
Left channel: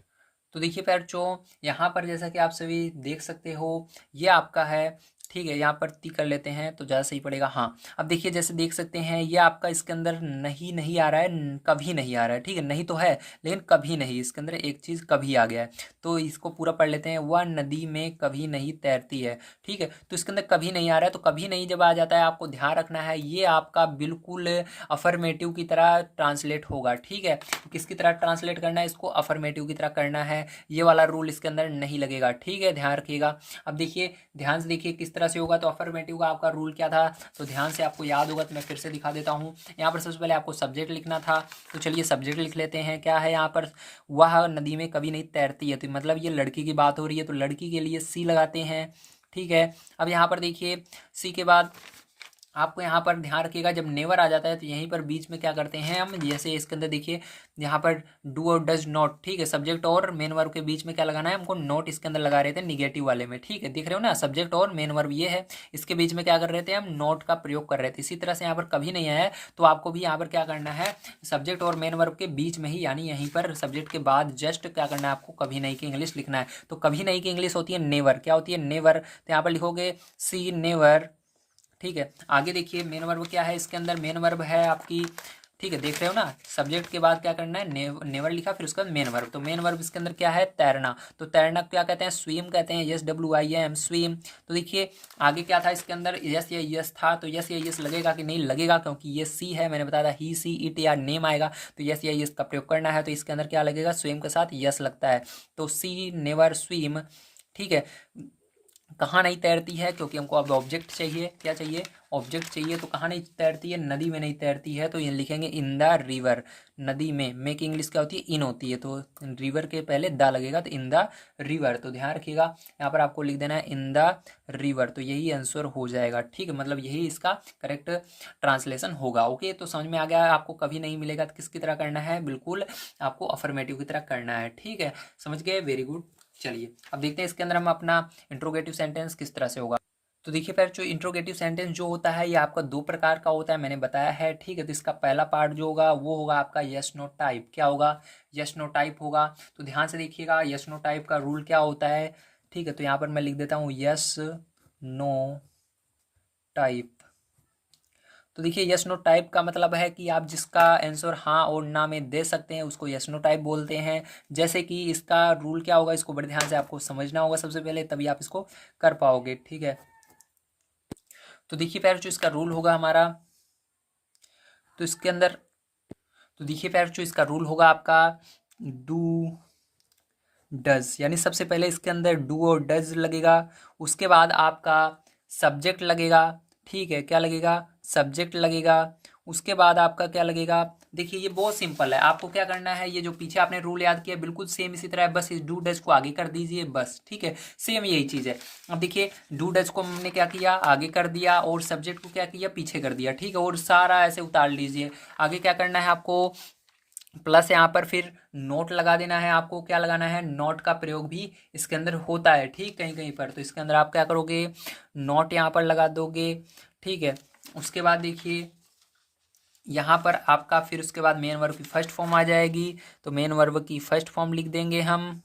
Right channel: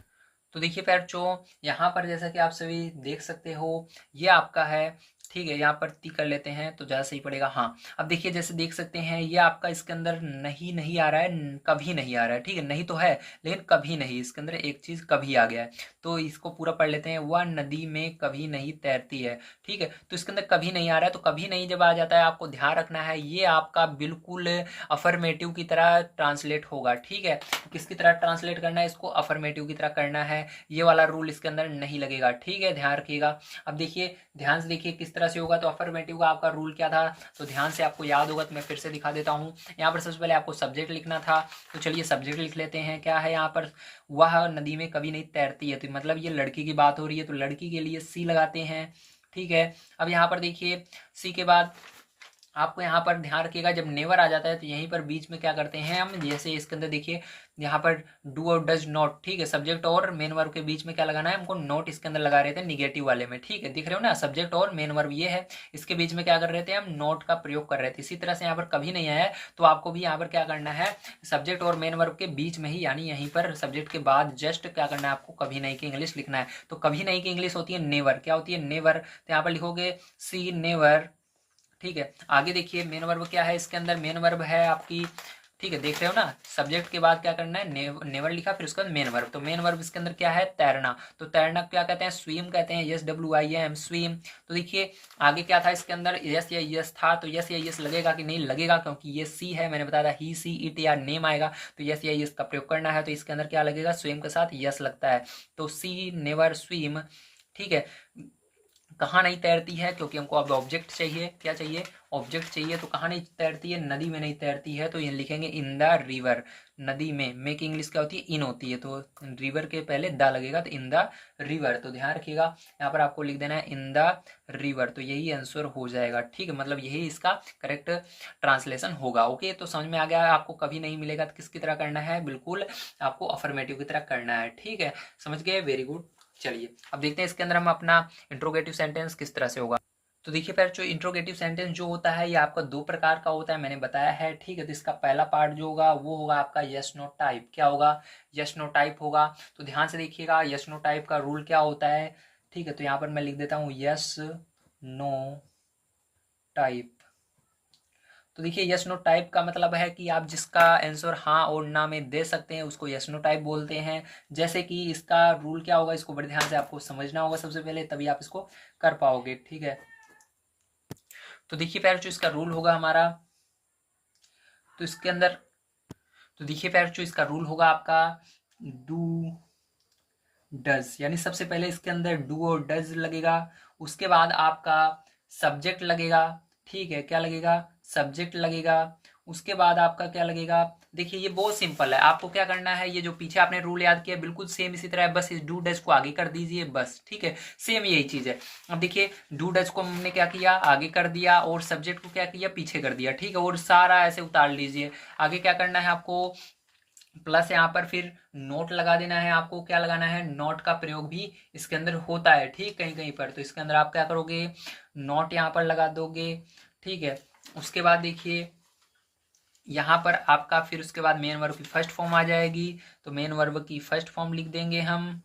तो देखिए पैरचो, यहाँ पर जैसा कि आप सभी देख सकते हो ये आपका है। ठीक है, यहाँ पर ती कर लेते हैं तो ज़्यादा सही पड़ेगा। हाँ, अब देखिए जैसे देख सकते हैं ये आपका इसके अंदर नहीं नहीं आ रहा है, कभी नहीं आ रहा है। ठीक है, नहीं तो है लेकिन कभी नहीं, इसके अंदर एक चीज़ कभी आ गया है। तो इसको पूरा पढ़ लेते हैं, वह नदी में कभी नहीं तैरती है। ठीक है, तो इसके अंदर कभी नहीं आ रहा है, तो कभी नहीं जब आ जाता है आपको ध्यान रखना है ये आपका बिल्कुल अफर्मेटिव की तरह ट्रांसलेट होगा। ठीक है, किसकी तरह ट्रांसलेट करना है, इसको अफर्मेटिव की तरह करना है। ये वाला रूल इसके अंदर नहीं लगेगा। ठीक है, ध्यान रखिएगा। अब देखिए ध्यान से देखिए किस तरह से होगा। तो अफर्मेटिव का आपका रूल क्या था, तो ध्यान से आपको याद होगा तो मैं फिर से दिखा देता हूँ। यहाँ पर सबसे पहले आपको सब्जेक्ट लिखना था, तो चलिए सब्जेक्ट लिख लेते हैं। क्या है यहाँ पर, वह नदी में कभी नहीं तैरती है, तो मतलब ये लड़की की बात हो रही है, तो लड़की के लिए सी लगाते हैं। ठीक है, अब यहाँ पर देखिए सी के बाद आपको यहाँ पर ध्यान रखिएगा, जब नेवर आ जाता है तो यहीं पर बीच में क्या करते हैं हम, जैसे इसके अंदर देखिए यहाँ पर डू और डज नॉट। ठीक है, सब्जेक्ट और मेन वर्ब के बीच में क्या लगाना है हमको, नोट इसके अंदर लगा रहे थे निगेटिव वाले में। ठीक है, दिख रहे हो ना, सब्जेक्ट और मेन वर्ब ये है, इसके बीच में क्या कर रहे थे हम, नोट का प्रयोग कर रहे थे। इसी तरह से यहाँ पर कभी नहीं आया है तो आपको भी यहाँ पर क्या करना है, सब्जेक्ट और मेन वर्ब के बीच में ही, यानी यहीं पर सब्जेक्ट के बाद जस्ट क्या करना है आपको, कभी नहीं की इंग्लिश लिखना है। तो कभी नहीं की इंग्लिश होती है नेवर। क्या होती है, नेवर। तो यहाँ पर लिखोगे सी नेवर। ठीक है, आगे देखिए मेन वर्ब क्या है, इसके अंदर मेन वर्ब है आपकी। ठीक है, देख रहे हो ना, सब्जेक्ट के बाद क्या करना है, नेवर लिखा, फिर उसके बाद मेन वर्ब। तो मेन वर्ब इसके अंदर क्या है, तैरना। तो तैरना क्या कहते हैं, स्विम कहते हैं, yes W I am swim. तो देखिए आगे क्या था इसके अंदर, यस या यस था, तो यस या यस लगेगा कि नहीं लगेगा, क्योंकि ये सी है, मैंने बताया था ही सी इट या नेम आएगा तो यस या यस का प्रयोग करना है। तो इसके अंदर क्या लगेगा, स्विम के साथ यस लगता है, तो सी नेवर स्विम। ठीक है, कहाँ नहीं तैरती है, क्योंकि हमको अब ऑब्जेक्ट चाहिए, क्या चाहिए, ऑब्जेक्ट चाहिए। तो कहाँ नहीं तैरती है, नदी में नहीं तैरती है, तो ये लिखेंगे इन द रिवर। नदी में की इंग्लिश क्या होती है, इन होती है, तो रिवर के पहले द लगेगा, तो इन द रिवर। तो ध्यान रखिएगा यहाँ पर आपको लिख देना है इन द रिवर, तो यही आंसर हो जाएगा। ठीक है, मतलब यही इसका करेक्ट ट्रांसलेशन होगा। ओके, तो समझ में आ गया, आपको कभी नहीं मिलेगा तो किसकी तरह करना है, बिल्कुल आपको अफर्मेटिव की तरह करना है। ठीक है, समझ गए, वेरी गुड। चलिए अब देखते हैं इसके अंदर हम अपना इंट्रोगेटिव सेंटेंस किस तरह से होगा। तो देखिए फिर जो इंट्रोगेटिव सेंटेंस जो होता है ये आपका दो प्रकार का होता है, मैंने बताया है। ठीक है, तो इसका पहला पार्ट जो होगा वो होगा आपका यस नो टाइप। क्या होगा, यस नो टाइप होगा। तो ध्यान से देखिएगा यस नो टाइप का रूल क्या होता है। ठीक है, तो यहाँ पर मैं लिख देता हूँ यस नो टाइप। तो देखिए यस नो टाइप का मतलब है कि आप जिसका आंसर हाँ और ना में दे सकते हैं उसको यस नो टाइप बोलते हैं। जैसे कि इसका रूल क्या होगा, इसको बड़े ध्यान से आपको समझना होगा सबसे पहले, तभी आप इसको कर पाओगे, ठीक है। तो देखिए प्यारे जो इसका रूल होगा हमारा, तो इसके अंदर, तो देखिए प्यारे जो इसका रूल होगा आपका डू डज, यानी सबसे पहले इसके अंदर डू और डज लगेगा। उसके बाद आपका सब्जेक्ट लगेगा, ठीक है, क्या लगेगा, सब्जेक्ट लगेगा। उसके बाद आपका क्या लगेगा, देखिए ये बहुत सिंपल है, आपको क्या करना है, ये जो पीछे आपने रूल याद किया बिल्कुल सेम इसी तरह है, बस इस डू डज को आगे कर दीजिए बस, ठीक है, सेम यही चीज़ है। अब देखिए डू डज को हमने क्या किया, आगे कर दिया, और सब्जेक्ट को क्या किया, पीछे कर दिया, ठीक है, और सारा ऐसे उतार लीजिए। आगे क्या करना है आपको, प्लस यहाँ पर फिर नोट लगा देना है, आपको क्या लगाना है, नोट का प्रयोग भी इसके अंदर होता है, ठीक, कहीं कहीं पर, तो इसके अंदर आप क्या करोगे, नोट यहाँ पर लगा दोगे, ठीक है। उसके बाद देखिए यहाँ पर आपका फिर उसके बाद मेन वर्ब की फर्स्ट फॉर्म आ जाएगी, तो मेन वर्ब की फर्स्ट फॉर्म लिख देंगे हम।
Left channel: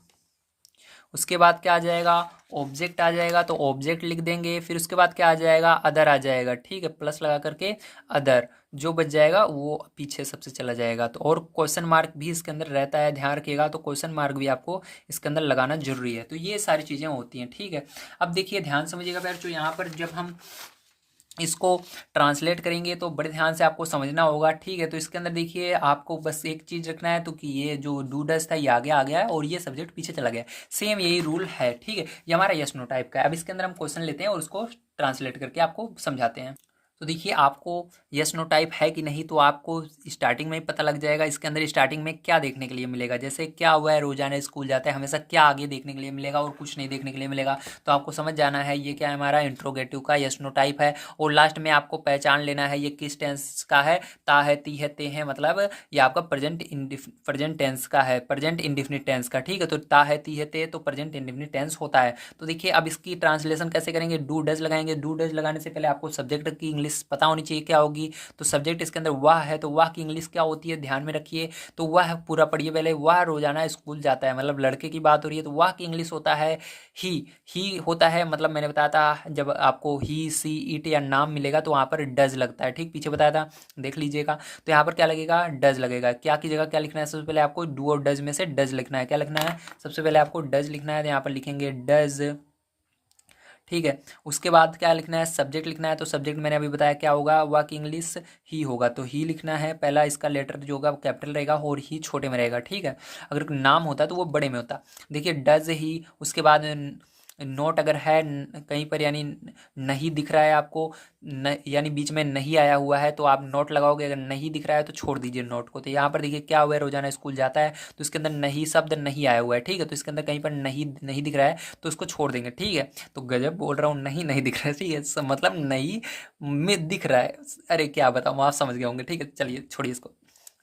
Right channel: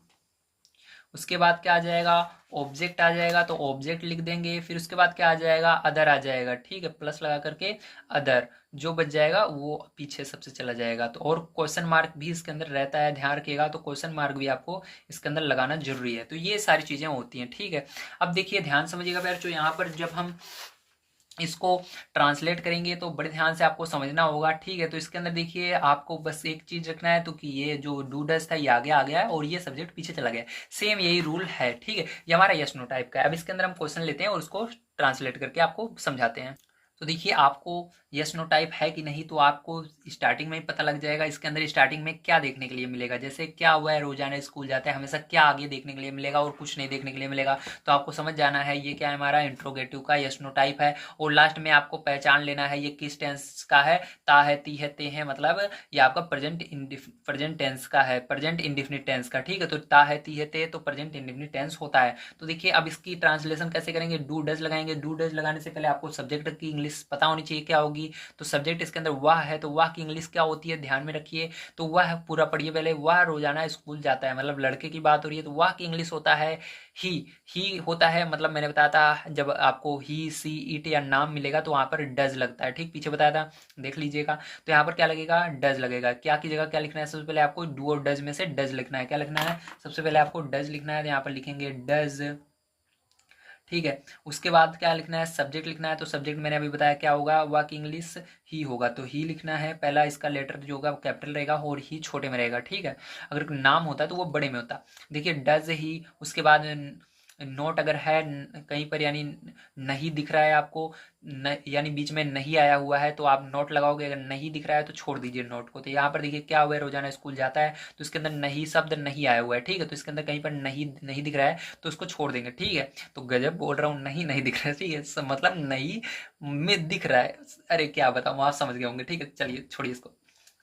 उसके बाद क्या आ जाएगा, ऑब्जेक्ट आ जाएगा, तो ऑब्जेक्ट लिख देंगे। फिर उसके बाद क्या आ जाएगा, अदर आ जाएगा, ठीक है, प्लस लगा करके अदर, जो बच जाएगा वो पीछे सबसे चला जाएगा। तो और क्वेश्चन मार्क भी इसके अंदर रहता है, ध्यान रखिएगा, तो क्वेश्चन मार्क भी आपको इसके अंदर लगाना जरूरी है। तो ये सारी चीज़ें होती हैं, ठीक है। अब देखिए ध्यान समझिएगा यार, जो यहाँ पर जब हम इसको ट्रांसलेट करेंगे तो बड़े ध्यान से आपको समझना होगा, ठीक है। तो इसके अंदर देखिए आपको बस एक चीज़ रखना है, तो कि ये जो डू डज था ये आगे आ गया है और ये सब्जेक्ट पीछे चला गया है, सेम यही रूल है, ठीक है। ये हमारा यस नो टाइप का है। अब इसके अंदर हम क्वेश्चन लेते हैं और उसको ट्रांसलेट करके आपको समझाते हैं। तो देखिए आपको यस नो टाइप है कि नहीं, तो आपको स्टार्टिंग में ही पता लग जाएगा। इसके अंदर स्टार्टिंग में क्या देखने के लिए मिलेगा, जैसे क्या हुआ है, रोजाना स्कूल जाता है, हमेशा क्या आगे देखने के लिए मिलेगा और कुछ नहीं देखने के लिए मिलेगा। तो आपको समझ जाना है ये क्या है, हमारा इंट्रोगेटिव का यस नो टाइप है। और लास्ट में आपको पहचान लेना है ये किस टेंस का है, ता है, ती है, ते है, मतलब ये आपका प्रेजेंट टेंस का है, प्रेजेंट इंडिफिनिट टेंस का, ठीक है। तो ता है, ती है, ते तो प्रेजेंट इंडिफिनिट टेंस होता है। तो देखिए अब इसकी ट्रांसलेशन कैसे करेंगे, डू डज लगाएंगे। डू डज लगाने से पहले आपको सब्जेक्ट की इंग्लिश पता होनी चाहिए क्या होगी। तो सब्जेक्ट इसके अंदर वह है, तो वह की इंग्लिश क्या होती है, ध्यान में रखिए। तो वह पूरा पढ़िए पहले, वह रोजाना स्कूल जाता है, मतलब लड़के की बात हो रही है, तो वह की इंग्लिश होता है ही। ही होता है, मतलब मैंने बताया था जब आपको ही, सी, इट या नाम मिलेगा तो वहाँ पर डज लगता है, ठीक, पीछे बताया था, देख लीजिएगा। तो यहाँ पर क्या लगेगा, डज लगेगा। क्या की जगह क्या लिखना है, सबसे पहले आपको डू और डज में से डज लिखना है। क्या लिखना है, सबसे पहले आपको डज लिखना है, तो यहाँ पर लिखेंगे डज, ठीक है। उसके बाद क्या लिखना है, सब्जेक्ट लिखना है। तो सब्जेक्ट मैंने अभी बताया क्या होगा, वह की इंग्लिश ही होगा, तो ही लिखना है। पहला इसका लेटर जो होगा वो कैपिटल रहेगा और ही छोटे में रहेगा, ठीक है। अगर नाम होता है तो वो बड़े में होता। देखिए डज ही, उसके बाद नोट अगर है कहीं पर, यानी नहीं दिख रहा है आपको, यानी बीच में नहीं आया हुआ है तो आप नोट लगाओगे। अगर नहीं दिख रहा है तो छोड़ दीजिए नोट को। तो यहाँ पर देखिए क्या हुआ है, रोजाना स्कूल जाता है, तो इसके अंदर नहीं शब्द नहीं आया हुआ है, ठीक है। तो इसके अंदर कहीं पर नहीं नहीं दिख रहा है तो उसको छोड़ देंगे, ठीक है। तो गजब बोल रहा हूँ, नहीं नहीं दिख रहा है, ठीक है, मतलब नहीं में दिख रहा है, अरे क्या बताऊँ, आप समझ गए होंगे, ठीक है, चलिए छोड़िए इसको।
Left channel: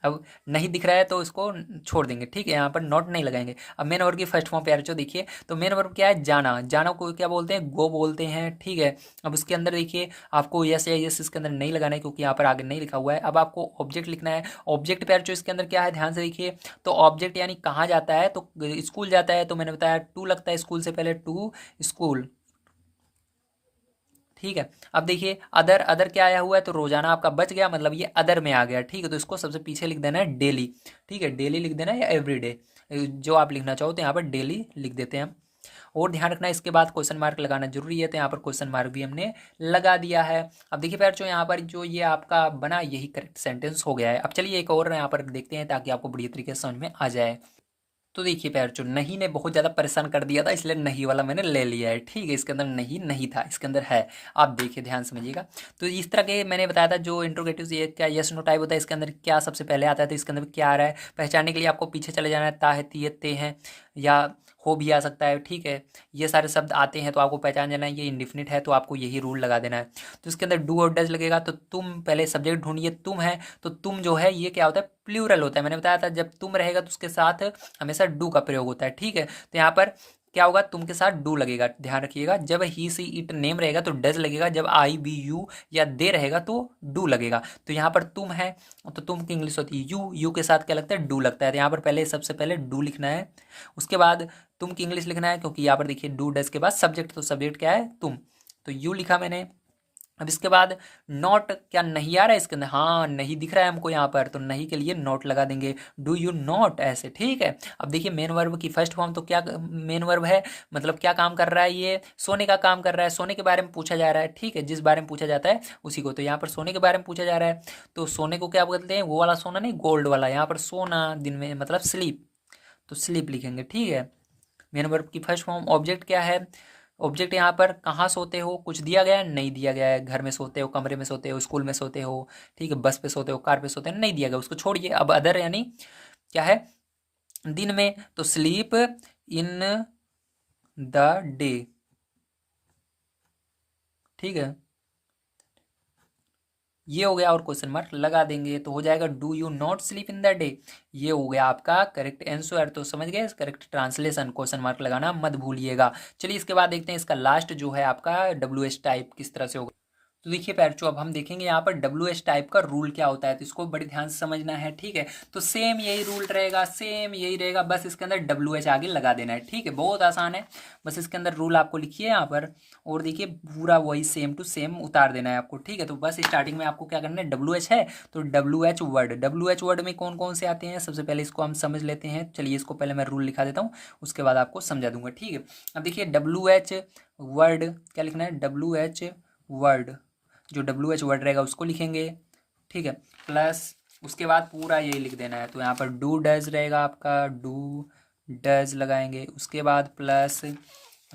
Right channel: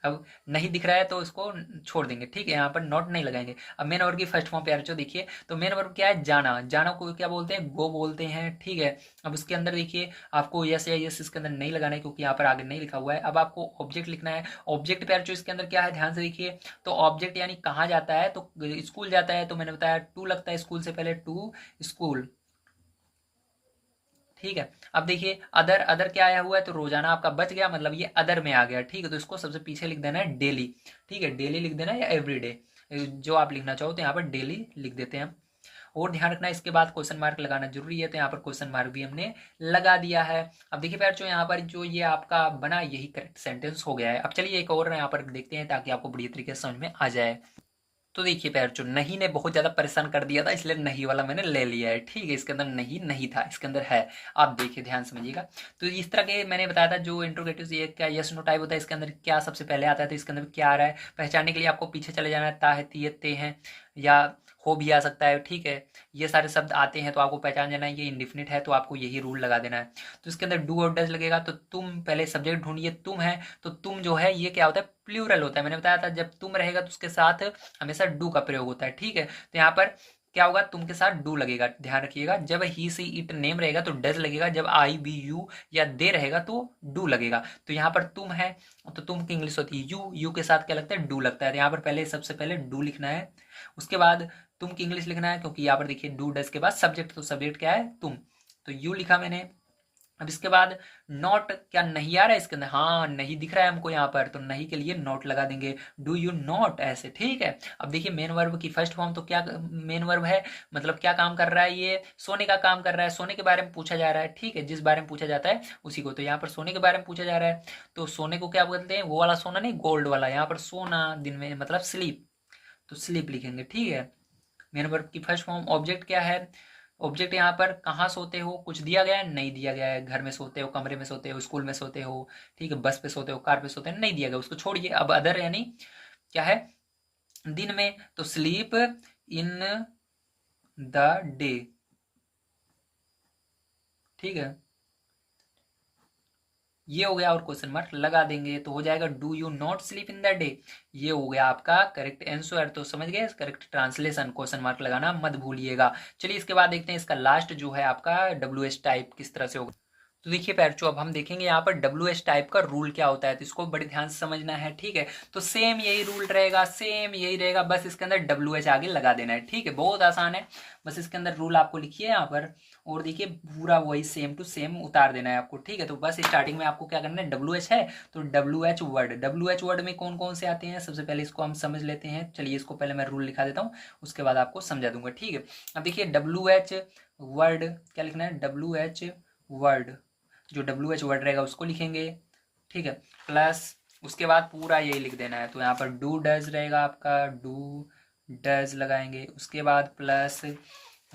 अब नहीं दिख रहा है तो इसको छोड़ देंगे, ठीक है, यहाँ पर नोट नहीं लगाएंगे। अब मेन वर्ब की फर्स्ट फॉर्म प्यारे जो देखिए, तो मेन वर्ब क्या है, जाना। जाना को क्या बोलते हैं, गो बोलते हैं, ठीक है। अब उसके अंदर देखिए आपको यस या यस इसके अंदर नहीं लगाना है क्योंकि यहाँ पर आगे नहीं लिखा हुआ है। अब आपको ऑब्जेक्ट लिखना है। ऑब्जेक्ट प्यारे जो इसके अंदर क्या है, ध्यान से देखिए। तो ऑब्जेक्ट यानी कहाँ जाता है, तो स्कूल जाता है, तो मैंने बताया टू लगता है स्कूल से पहले, टू स्कूल, ठीक है। अब देखिए अदर, अदर क्या आया हुआ है, तो रोजाना आपका बच गया, मतलब ये अदर में आ गया, ठीक है। तो इसको सबसे पीछे लिख देना है डेली, ठीक है, डेली लिख देना है या एवरीडे, जो आप लिखना चाहो, तो यहाँ पर डेली लिख देते हैं। और ध्यान रखना इसके बाद क्वेश्चन मार्क लगाना जरूरी है, तो यहाँ पर क्वेश्चन मार्क भी हमने लगा दिया है। अब देखिए प्यार जो यहाँ पर जो ये आपका बना, यही करेक्ट सेंटेंस हो गया है। अब चलिए एक और यहाँ पर देखते हैं ताकि आपको बढ़िया तरीके से समझ में आ जाए। तो देखिए प्यार जो नहीं ने बहुत ज़्यादा परेशान कर दिया था, इसलिए नहीं वाला मैंने ले लिया है, ठीक है। इसके अंदर नहीं नहीं था, इसके अंदर है। आप देखिए ध्यान समझिएगा। तो इस तरह के मैंने बताया था जो इंट्रोगेटिव ये क्या यस नो टाइप होता है, इसके अंदर क्या सबसे पहले आता है, तो इसके अंदर क्या आ रहा है, पहचानने के लिए आपको पीछे चले जाना है। ता है, ती है, ते हैं, या हो भी आ सकता है, ठीक है। ये सारे शब्द आते हैं तो आपको पहचान जाना है ये इंडिफिनिट है, तो आपको यही रूल लगा देना है। तो इसके अंदर डू और डज लगेगा, तो तुम पहले सब्जेक्ट ढूंढिए, तुम है, तो तुम जो है ये क्या होता है, प्लूरल होता है। मैंने बताया था जब तुम रहेगा तो उसके साथ हमेशा डू का प्रयोग होता है, ठीक है। तो यहाँ पर क्या होगा, तुम के साथ डू लगेगा, ध्यान रखिएगा। जब ही सी इट नेम रहेगा तो डज लगेगा, जब आई बी यू या दे रहेगा तो डू लगेगा। तो यहाँ पर तुम है, तो तुम की इंग्लिश होती है यू, यू के साथ क्या लगता है, डू लगता है। तो यहाँ पर पहले सबसे पहले डू लिखना है। उसके बाद तुम की इंग्लिश लिखना है, क्योंकि यहाँ पर देखिए डू डज के बाद सब्जेक्ट, तो सब्जेक्ट क्या है, तुम, तो यू लिखा मैंने। अब इसके बाद नॉट, क्या नहीं आ रहा है इसके अंदर, हाँ नहीं दिख रहा है हमको यहाँ पर, तो नहीं के लिए नॉट लगा देंगे, डू यू नॉट, ऐसे, ठीक है। अब देखिए मेन वर्ब की फर्स्ट फॉर्म तो क्या मेन वर्ब है, मतलब क्या काम कर रहा है, ये सोने का काम कर रहा है, सोने के बारे में पूछा जा रहा है, ठीक है, जिस बारे में पूछा जाता है उसी को, तो यहाँ पर सोने के बारे में पूछा जा रहा है, तो सोने को क्या बोलते हैं, वो वाला सोना नहीं, गोल्ड वाला, यहाँ पर सोना दिन में मतलब स्लीप, तो स्लीप लिखेंगे, ठीक है। मेन वर्ब की फर्स्ट फॉर्म। ऑब्जेक्ट क्या है, ऑब्जेक्ट यहाँ पर कहाँ सोते हो, कुछ दिया गया है, नहीं दिया गया है, घर में सोते हो, कमरे में सोते हो, स्कूल में सोते हो, ठीक है, बस पे सोते हो, कार पे सोते हो, नहीं दिया गया, उसको छोड़िए। अब अदर यानी क्या है, दिन में, तो स्लीप इन द डे, ठीक है, ये हो गया, और क्वेश्चन मार्क लगा देंगे तो हो जाएगा do you not sleep in the day, ये हो गया आपका करेक्ट आंसर। तो समझ गए, करेक्ट ट्रांसलेशन, क्वेश्चन मार्क लगाना मत भूलिएगा। चलिए इसके बाद देखते हैं इसका लास्ट जो है आपका डब्ल्यू एच टाइप किस तरह से होगा। तो देखिए पैरचो, अब हम देखेंगे यहाँ पर डब्ल्यू एच टाइप का रूल क्या होता है, तो इसको बड़े ध्यान से समझना है, ठीक है। तो सेम यही रूल रहेगा, सेम यही रहेगा, बस इसके अंदर डब्ल्यू एच आगे लगा देना है, ठीक है, बहुत आसान है। बस इसके अंदर रूल आपको लिखिए यहाँ पर, और देखिए पूरा वही सेम टू सेम उतार देना है आपको, ठीक है। तो बस स्टार्टिंग में आपको क्या करना है, डब्ल्यू एच है तो W H word, W H word में कौन कौन से आते हैं, सबसे पहले इसको हम समझ लेते हैं। चलिए इसको पहले मैं रूल लिखा देता हूँ, उसके बाद आपको समझा दूंगा, ठीक है। अब देखिए डब्ल्यू एच वर्ड क्या लिखना है, डब्ल्यू एच वर्ड, जो डब्ल्यू एच वर्ड रहेगा उसको लिखेंगे, ठीक है, प्लस उसके बाद पूरा यही लिख देना है। तो यहाँ पर डू डज रहेगा आपका, डू डज लगाएंगे, उसके बाद प्लस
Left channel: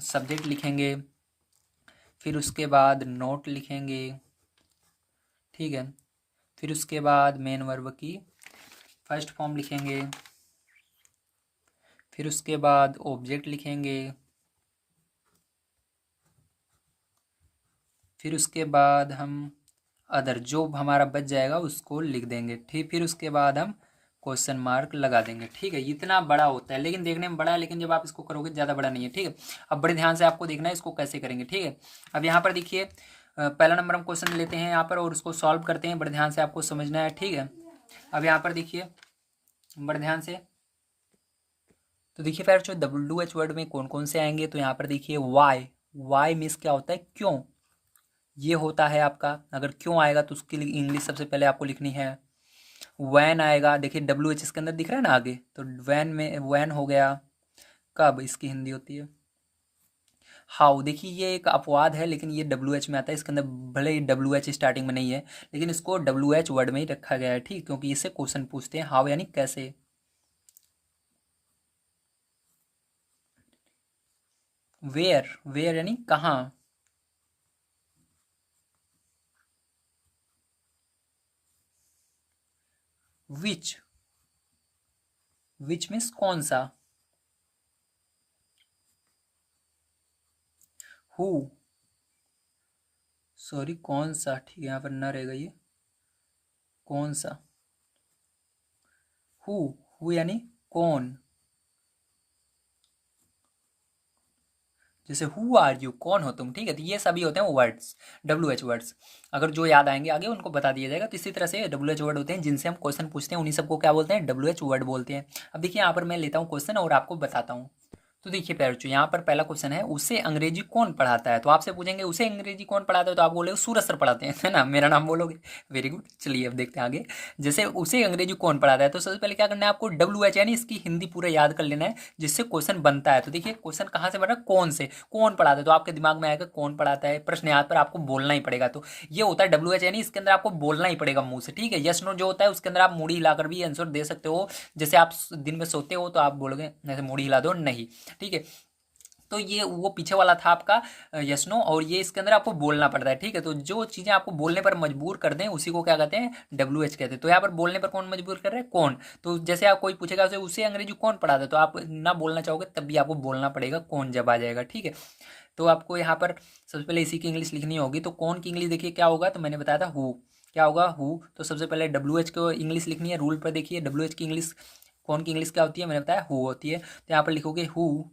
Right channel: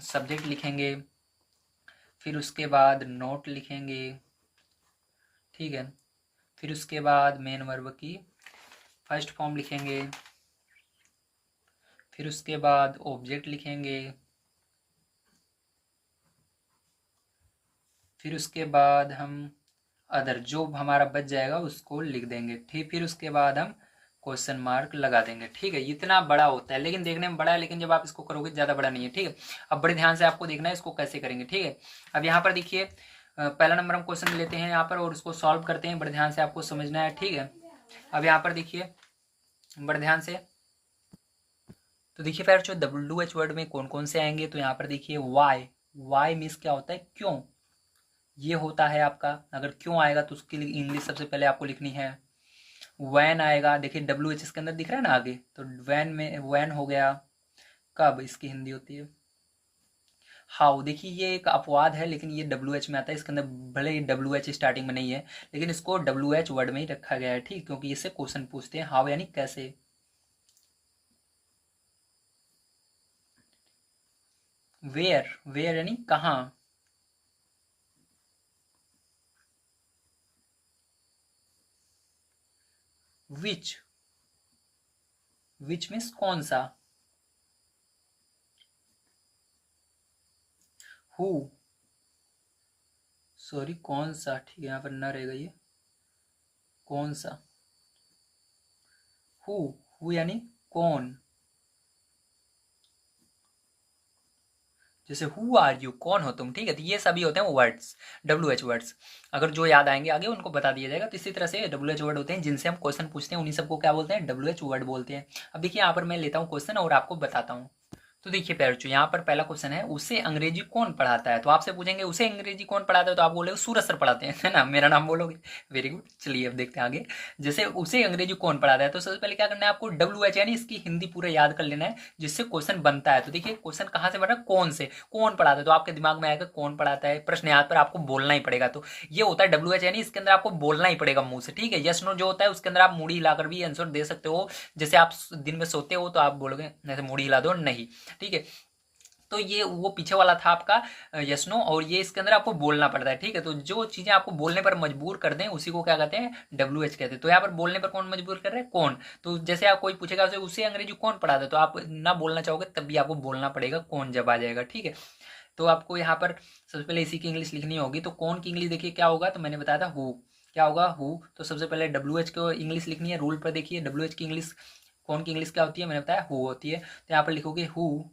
सब्जेक्ट लिखेंगे, फिर उसके बाद नोट लिखेंगे, ठीक है, फिर उसके बाद मेन वर्ब की फर्स्ट फॉर्म लिखेंगे, फिर उसके बाद ऑब्जेक्ट लिखेंगे, फिर उसके बाद हम अदर जो हमारा बच जाएगा उसको लिख देंगे, ठीक, फिर उसके बाद हम क्वेश्चन मार्क लगा देंगे, ठीक है। इतना बड़ा होता है, लेकिन देखने में बड़ा है, लेकिन जब आप इसको करोगे ज़्यादा बड़ा नहीं है, ठीक है। अब बड़े ध्यान से आपको देखना है इसको कैसे करेंगे, ठीक है। अब यहाँ पर देखिए पहला नंबर हम क्वेश्चन लेते हैं यहाँ पर और उसको सॉल्व करते हैं, बड़े ध्यान से आपको समझना है, ठीक है। अब यहाँ पर देखिए बड़े ध्यान से, तो देखिए फिर जो डब्ल्यू एच वर्ड में कौन कौन से आएंगे, तो यहाँ पर देखिए वाई, वाई मीन्स क्या होता है, क्यों, ये होता है आपका, अगर क्यों आएगा तो उसके लिए इंग्लिश सबसे पहले आपको लिखनी है। वैन आएगा, देखिए डब्ल्यू एच इसके अंदर दिख रहा है ना आगे, तो वैन में वैन हो गया, कब इसकी हिंदी होती है हाउ, देखिए ये एक अपवाद है, लेकिन ये डब्ल्यू एच में आता है, इसके अंदर भले ही डब्ल्यू एच स्टार्टिंग में नहीं है, लेकिन इसको डब्ल्यू एच वर्ड में ही रखा गया है, ठीक, क्योंकि इससे क्वेश्चन पूछते हैं, हाउ यानी कैसे। वेयर, वेयर यानी कहाँ, विच, विच मीन्स कौन सा, हु, सॉरी कौन सा, ठीक है, यहाँ पर न रहेगा ये, कौन सा, हु, हु यानी कौन, जैसे हु आर यू, कौन हो तुम, ठीक है, तो ये सभी होते हैं वर्ड्स, डब्ल्यू एच वर्ड्स, अगर जो याद आएंगे आगे उनको बता दिया जाएगा। तो इसी तरह से डब्ल्यू एच वर्ड होते हैं जिनसे हम क्वेश्चन पूछते हैं, उन्हीं सबको क्या बोलते हैं, डब्ल्यू एच वर्ड बोलते हैं। अब देखिए यहाँ पर मैं लेता हूँ क्वेश्चन और आपको बताता हूँ। तो देखिए प्यारचू, यहाँ पर पहला क्वेश्चन है, उसे अंग्रेजी कौन पढ़ाता है, तो आपसे पूछेंगे उसे अंग्रेजी कौन पढ़ाता है, तो आप बोलोगे सूरज सर पढ़ाते हैं, है ना, मेरा नाम बोलोगे, वेरी गुड। चलिए अब देखते हैं आगे, जैसे उसे अंग्रेजी कौन पढ़ाता है, तो सबसे पहले क्या करना है आपको, डब्ल्यू एच यानी इसकी हिंदी पूरा याद कर लेना है, जिससे क्वेश्चन बनता है। तो देखिए क्वेश्चन कहाँ से बन रहा है, कौन से, कौन पढ़ाता है, तो आपके दिमाग में आएगा कौन पढ़ाता है, प्रश्न याद पर आपको बोलना ही पड़ेगा, तो ये होता है डब्ल्यू एच यानी इसके अंदर आपको बोलना ही पड़ेगा मुंह से, ठीक है। यस नो जो होता है उसके अंदर आप मूड़ी हिलाकर भी आंसर दे सकते हो, जैसे आप दिन में सोते हो तो आप बोलोगे जैसे मूड़ी हिला दो, नहीं, ठीक है। तो ये वो पीछे वाला था आपका यस नो, और ये इसके अंदर आपको बोलना पड़ता है, ठीक है। तो जो चीज़ें आपको बोलने पर मजबूर कर दें उसी को क्या कहते हैं, डब्ल्यू एच कहते हैं। तो यहाँ पर बोलने पर कौन मजबूर कर रहा है, कौन, तो जैसे आप कोई पूछेगा उसे अंग्रेजी कौन पढ़ाता है, तो आप ना बोलना चाहोगे तब भी आपको बोलना पड़ेगा, कौन जब आ जाएगा, ठीक है। तो आपको यहाँ पर सबसे पहले इसी की इंग्लिश लिखनी होगी, तो कौन की इंग्लिश देखिए क्या होगा, तो मैंने बताया था हु, क्या होगा हु, तो सबसे पहले डब्ल्यू एच को इंग्लिश लिखनी है, रूल पर देखिए डब्ल्यू एच की इंग्लिश, कौन की इंग्लिश क्या होती है, मैंने बताया हु होती है, तो यहाँ पर लिखोगे हु।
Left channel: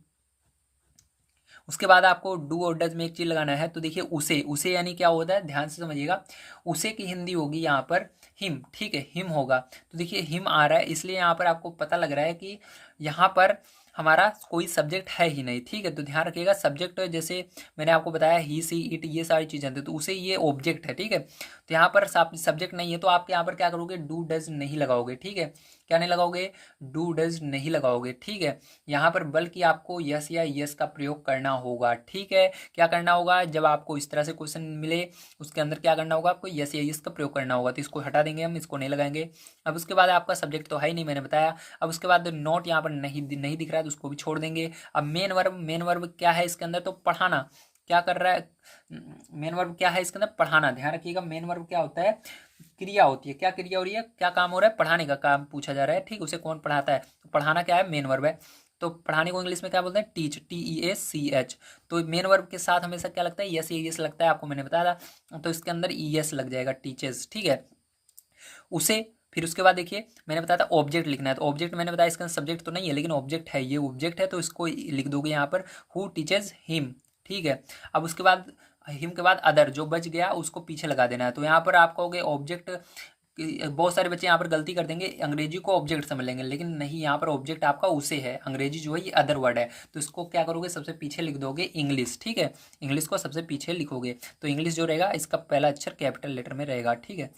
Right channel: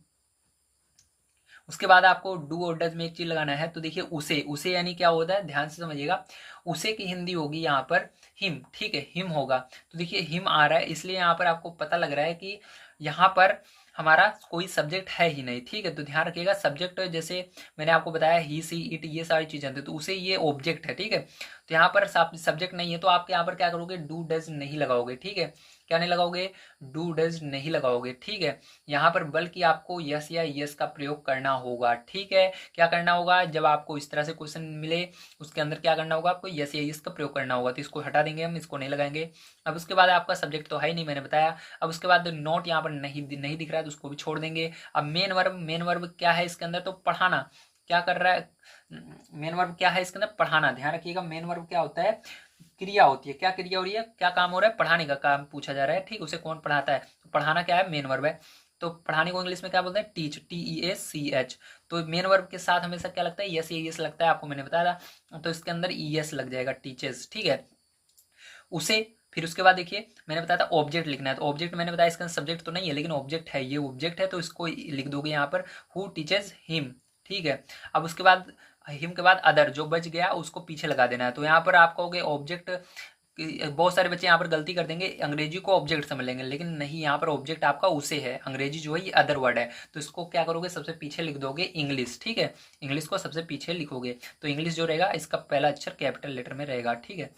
उसके बाद आपको डू और डज में एक चीज लगाना है, तो देखिए उसे, उसे यानी क्या होता है, ध्यान से समझिएगा, उसे की हिंदी होगी यहाँ पर हिम, ठीक है, हिम होगा। तो देखिए हिम आ रहा है, इसलिए यहाँ पर आपको पता लग रहा है कि यहाँ पर हमारा कोई सब्जेक्ट है ही नहीं, ठीक है। तो ध्यान रखिएगा, सब्जेक्ट जैसे मैंने आपको बताया ही, सी, इट, ये सारी चीज़ें होती है, तो उसे ये ऑब्जेक्ट है, ठीक है। तो यहाँ पर सब्जेक्ट नहीं है तो आप यहाँ पर क्या करोगे, डू डज नहीं लगाओगे, ठीक है। क्या नहीं लगाओगे, डू डज नहीं लगाओगे, ठीक है। यहाँ पर बल्कि आपको यस या यस का प्रयोग करना होगा, ठीक है। क्या करना होगा, जब आपको इस तरह से क्वेश्चन मिले उसके अंदर क्या करना होगा, आपको यस या यस का प्रयोग करना होगा। तो इसको हटा देंगे हम, इसको नहीं लगाएंगे। अब उसके बाद आपका सब्जेक्ट तो है ही नहीं, मैंने बताया। अब उसके बाद नोट यहाँ पर नहीं दिख रहा है तो उसको भी छोड़ देंगे। अब मेन वर्ब क्या है इसके अंदर, तो पढ़ाना। क्या कर रहा है, मेन वर्ब क्या है इसके अंदर, पढ़ाना। ध्यान रखिएगा, मेन वर्ब क्या होता है, क्रिया होती है। क्या क्रिया हो रही है, क्या काम हो रहा है, पढ़ाने का काम पूछा जा रहा है, ठीक। उसे कौन पढ़ाता है, तो पढ़ाना क्या है, मेन वर्ब है। तो पढ़ाने को इंग्लिश में क्या बोलते हैं, टीच, TEACH। तो मेन वर्ब के साथ हमेशा क्या लगता है, यस या यस लगता है, आपको मैंने बताया था। तो इसके अंदर ES लग जाएगा, टीचर्स, ठीक है। उसे फिर उसके बाद देखिए मैंने बताया था ऑब्जेक्ट लिखना है, तो ऑब्जेक्ट मैंने बताया इसका सब्जेक्ट तो नहीं है लेकिन ऑब्जेक्ट है, ये ऑब्जेक्ट है तो इसको लिख दोगे यहाँ पर, हु टीचेज हिम, ठीक है। अब उसके बाद हिम के बाद अदर जो बच गया उसको पीछे लगा देना है। तो यहाँ पर आप कहोगे ऑब्जेक्ट, बहुत सारे बच्चे यहाँ पर गलती कर देंगे, अंग्रेजी को ऑब्जेक्ट समझ लेंगे, लेकिन नहीं, यहाँ पर ऑब्जेक्ट आपका उसे है, अंग्रेजी जो है ये अदर वर्ड है। तो इसको क्या करोगे, सबसे पीछे लिख दोगे इंग्लिश, ठीक है। इंग्लिश को सबसे पीछे लिखोगे, तो इंग्लिश जो रहेगा इसका पहला अक्षर कैपिटल लेटर में रहेगा, ठीक है।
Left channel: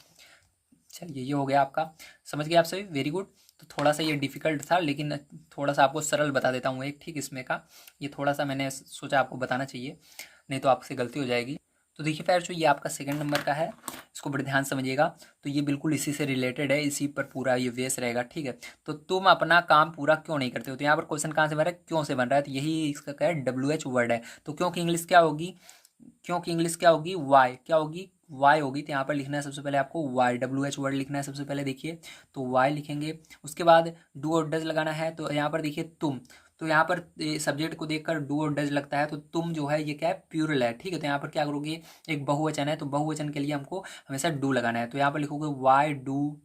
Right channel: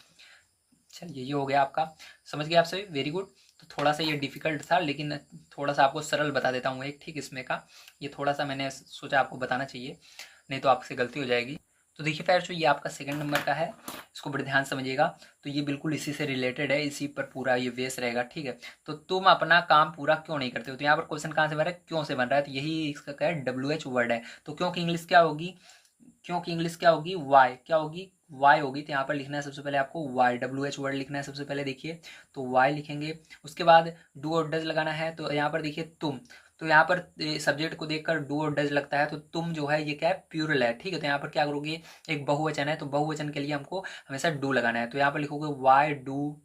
चलिए ये हो गया आपका, समझ गए आप सभी, वेरी गुड। तो थोड़ा सा ये डिफिकल्ट था लेकिन थोड़ा सा आपको सरल बता देता हूँ एक, ठीक। इसमें का ये थोड़ा सा मैंने सोचा आपको बताना चाहिए, नहीं तो आपसे गलती हो जाएगी। तो देखिए पैर जो ये आपका सेकंड नंबर का है, इसको बड़े ध्यान समझिएगा। तो ये बिल्कुल इसी से रिलेटेड है, इसी पर पूरा ये बेस रहेगा, ठीक है। तो तुम अपना काम पूरा क्यों नहीं करते हो, तो यहाँ पर क्वेश्चन कहाँ से बन रहा है, क्यों से बन रहा है, तो यही इसका क्या है, WH वर्ड है। तो क्योंकि इंग्लिश क्या होगी, क्योंकि इंग्लिश क्या होगी, वाई, क्या होगी, वाई होगी। तो यहाँ पर लिखना है सबसे पहले आपको वाई, WH वर्ड लिखना है सबसे पहले, देखिए। तो वाई लिखेंगे, उसके बाद डू और डज लगाना है। तो यहाँ पर देखिए तुम, तो यहाँ पर सब्जेक्ट को देखकर डू और डज लगता है, तो तुम जो है ये क्या है, प्यूरल है, ठीक है। तो यहाँ पर क्या करोगे, एक बहुवचन है तो बहुवचन के लिए हमको हमेशा डू लगाना है। तो यहाँ पर लिखोगे वाई डू,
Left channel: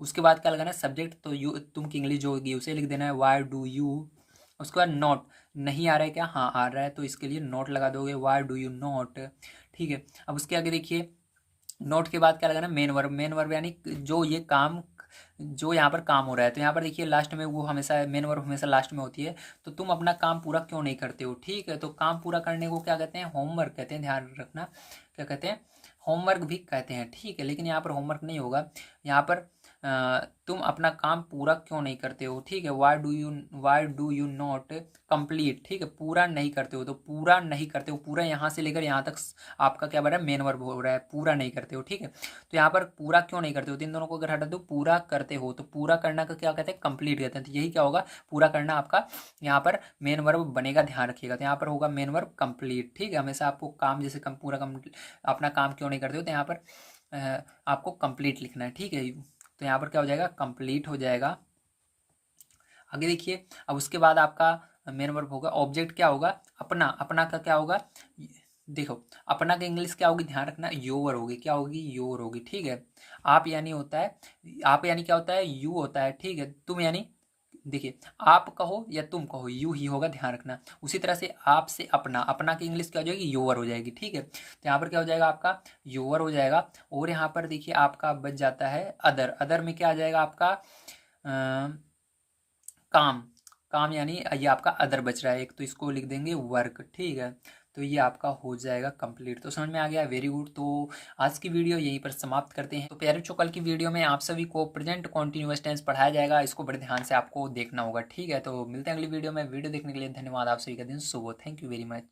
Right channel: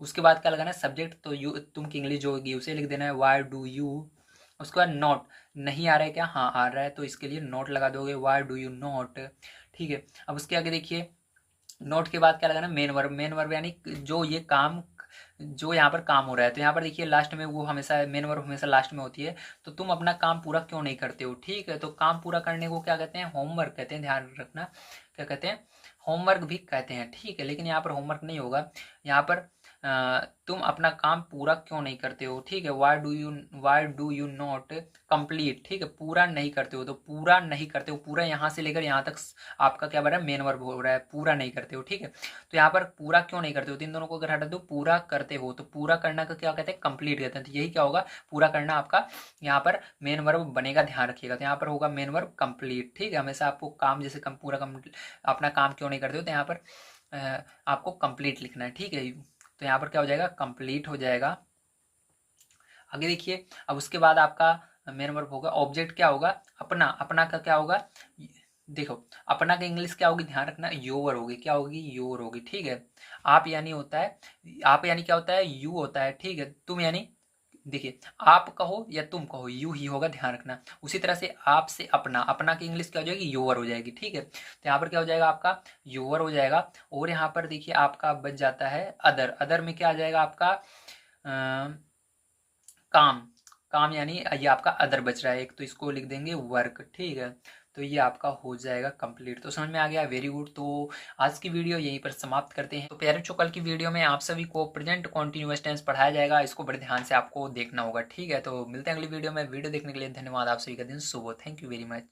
उसके बाद क्या लगाना है, सब्जेक्ट तो यू, तुम की इंग्लिश जो होगी उसे लिख देना है, वाई डू यू। उसके बाद नॉट, नहीं आ रहा है क्या, हाँ आ रहा है, तो इसके लिए नोट लगा दोगे, वाई डू यू नॉट, ठीक है। अब उसके आगे देखिए, नोट के बाद क्या लगाना, मेन वर्ब। मेन वर्ब यानी जो ये काम, जो यहाँ पर काम हो रहा है। तो यहाँ पर देखिए लास्ट में वो हमेशा, मेन वर्ब हमेशा लास्ट में होती है। तो तुम अपना काम पूरा क्यों नहीं करते हो, ठीक है। तो काम पूरा करने को क्या कहते हैं, होमवर्क कहते हैं, ध्यान रखना। क्या कहते हैं, होमवर्क भी कहते हैं, ठीक है। लेकिन यहाँ पर होमवर्क नहीं होगा, यहाँ पर तुम अपना काम पूरा क्यों नहीं करते हो, ठीक है। Why do you not complete, ठीक है। पूरा नहीं करते हो, तो पूरा नहीं करते हो, पूरा यहाँ से लेकर यहाँ तक आपका क्या बन रहा है, मेन वर्ब हो रहा है, पूरा नहीं करते हो, ठीक है। तो यहाँ पर पूरा क्यों नहीं करते हो, तो इन दोनों को अगर हटा दो, पूरा करते हो, तो पूरा करना का क्या कहते हैं, कंप्लीट कहते हैं। तो यही क्या होगा, पूरा करना आपका यहाँ पर मेन वर्ब बनेगा, ध्यान रखिएगा। तो यहाँ पर होगा मेन वर्ब कंप्लीट, ठीक है। हमेशा आपको काम जैसे पूरा अपना काम क्यों नहीं करते हो, तो यहाँ पर आपको कंप्लीट लिखना है, ठीक है। तो यहाँ पर क्या हो जाएगा, कंप्लीट हो जाएगा। आगे देखिए, अब उसके बाद आपका मेन वर्ब होगा, ऑब्जेक्ट क्या होगा, अपना। अपना का क्या होगा, देखो अपना का इंग्लिश क्या होगी, ध्यान रखना, योर होगी, क्या होगी, योर होगी, ठीक है। आप यानी होता है, आप यानी क्या होता है, यू होता है, ठीक है। तुम यानी, देखिए आप कहो या तुम कहो यू ही होगा, ध्यान रखना। उसी तरह से आप से अपना, अपना की इंग्लिश क्या हो जाएगी, योर हो जाएगी, ठीक है। तो यहाँ पर क्या हो जाएगा आपका, योर हो जाएगा। और यहाँ पर देखिए आपका बच जाता है अदर। अदर में क्या आ जाएगा आपका, काम। काम यानी ये आपका अदर बच रहा है एक, तो इसको लिख देंगे वर्क, ठीक है। तो ये आपका हो जाएगा कंप्लीट। तो समझ में आ गया, वेरी गुड। तो आज की वीडियो यहीं पर समाप्त करते हैं। तो प्यारे बच्चों, कल की वीडियो में आप सभी को प्रेजेंट कॉन्टिन्यूअस टेंस पढ़ाया जाएगा, इसको बड़े ध्यान से आपको देखना होगा, ठीक है। तो मिलते हैं अगली वीडियो में। वीडियो देखने के लिए धन्यवाद, आप सभी का दिन शुभ हो, थैंक यू वेरी मच।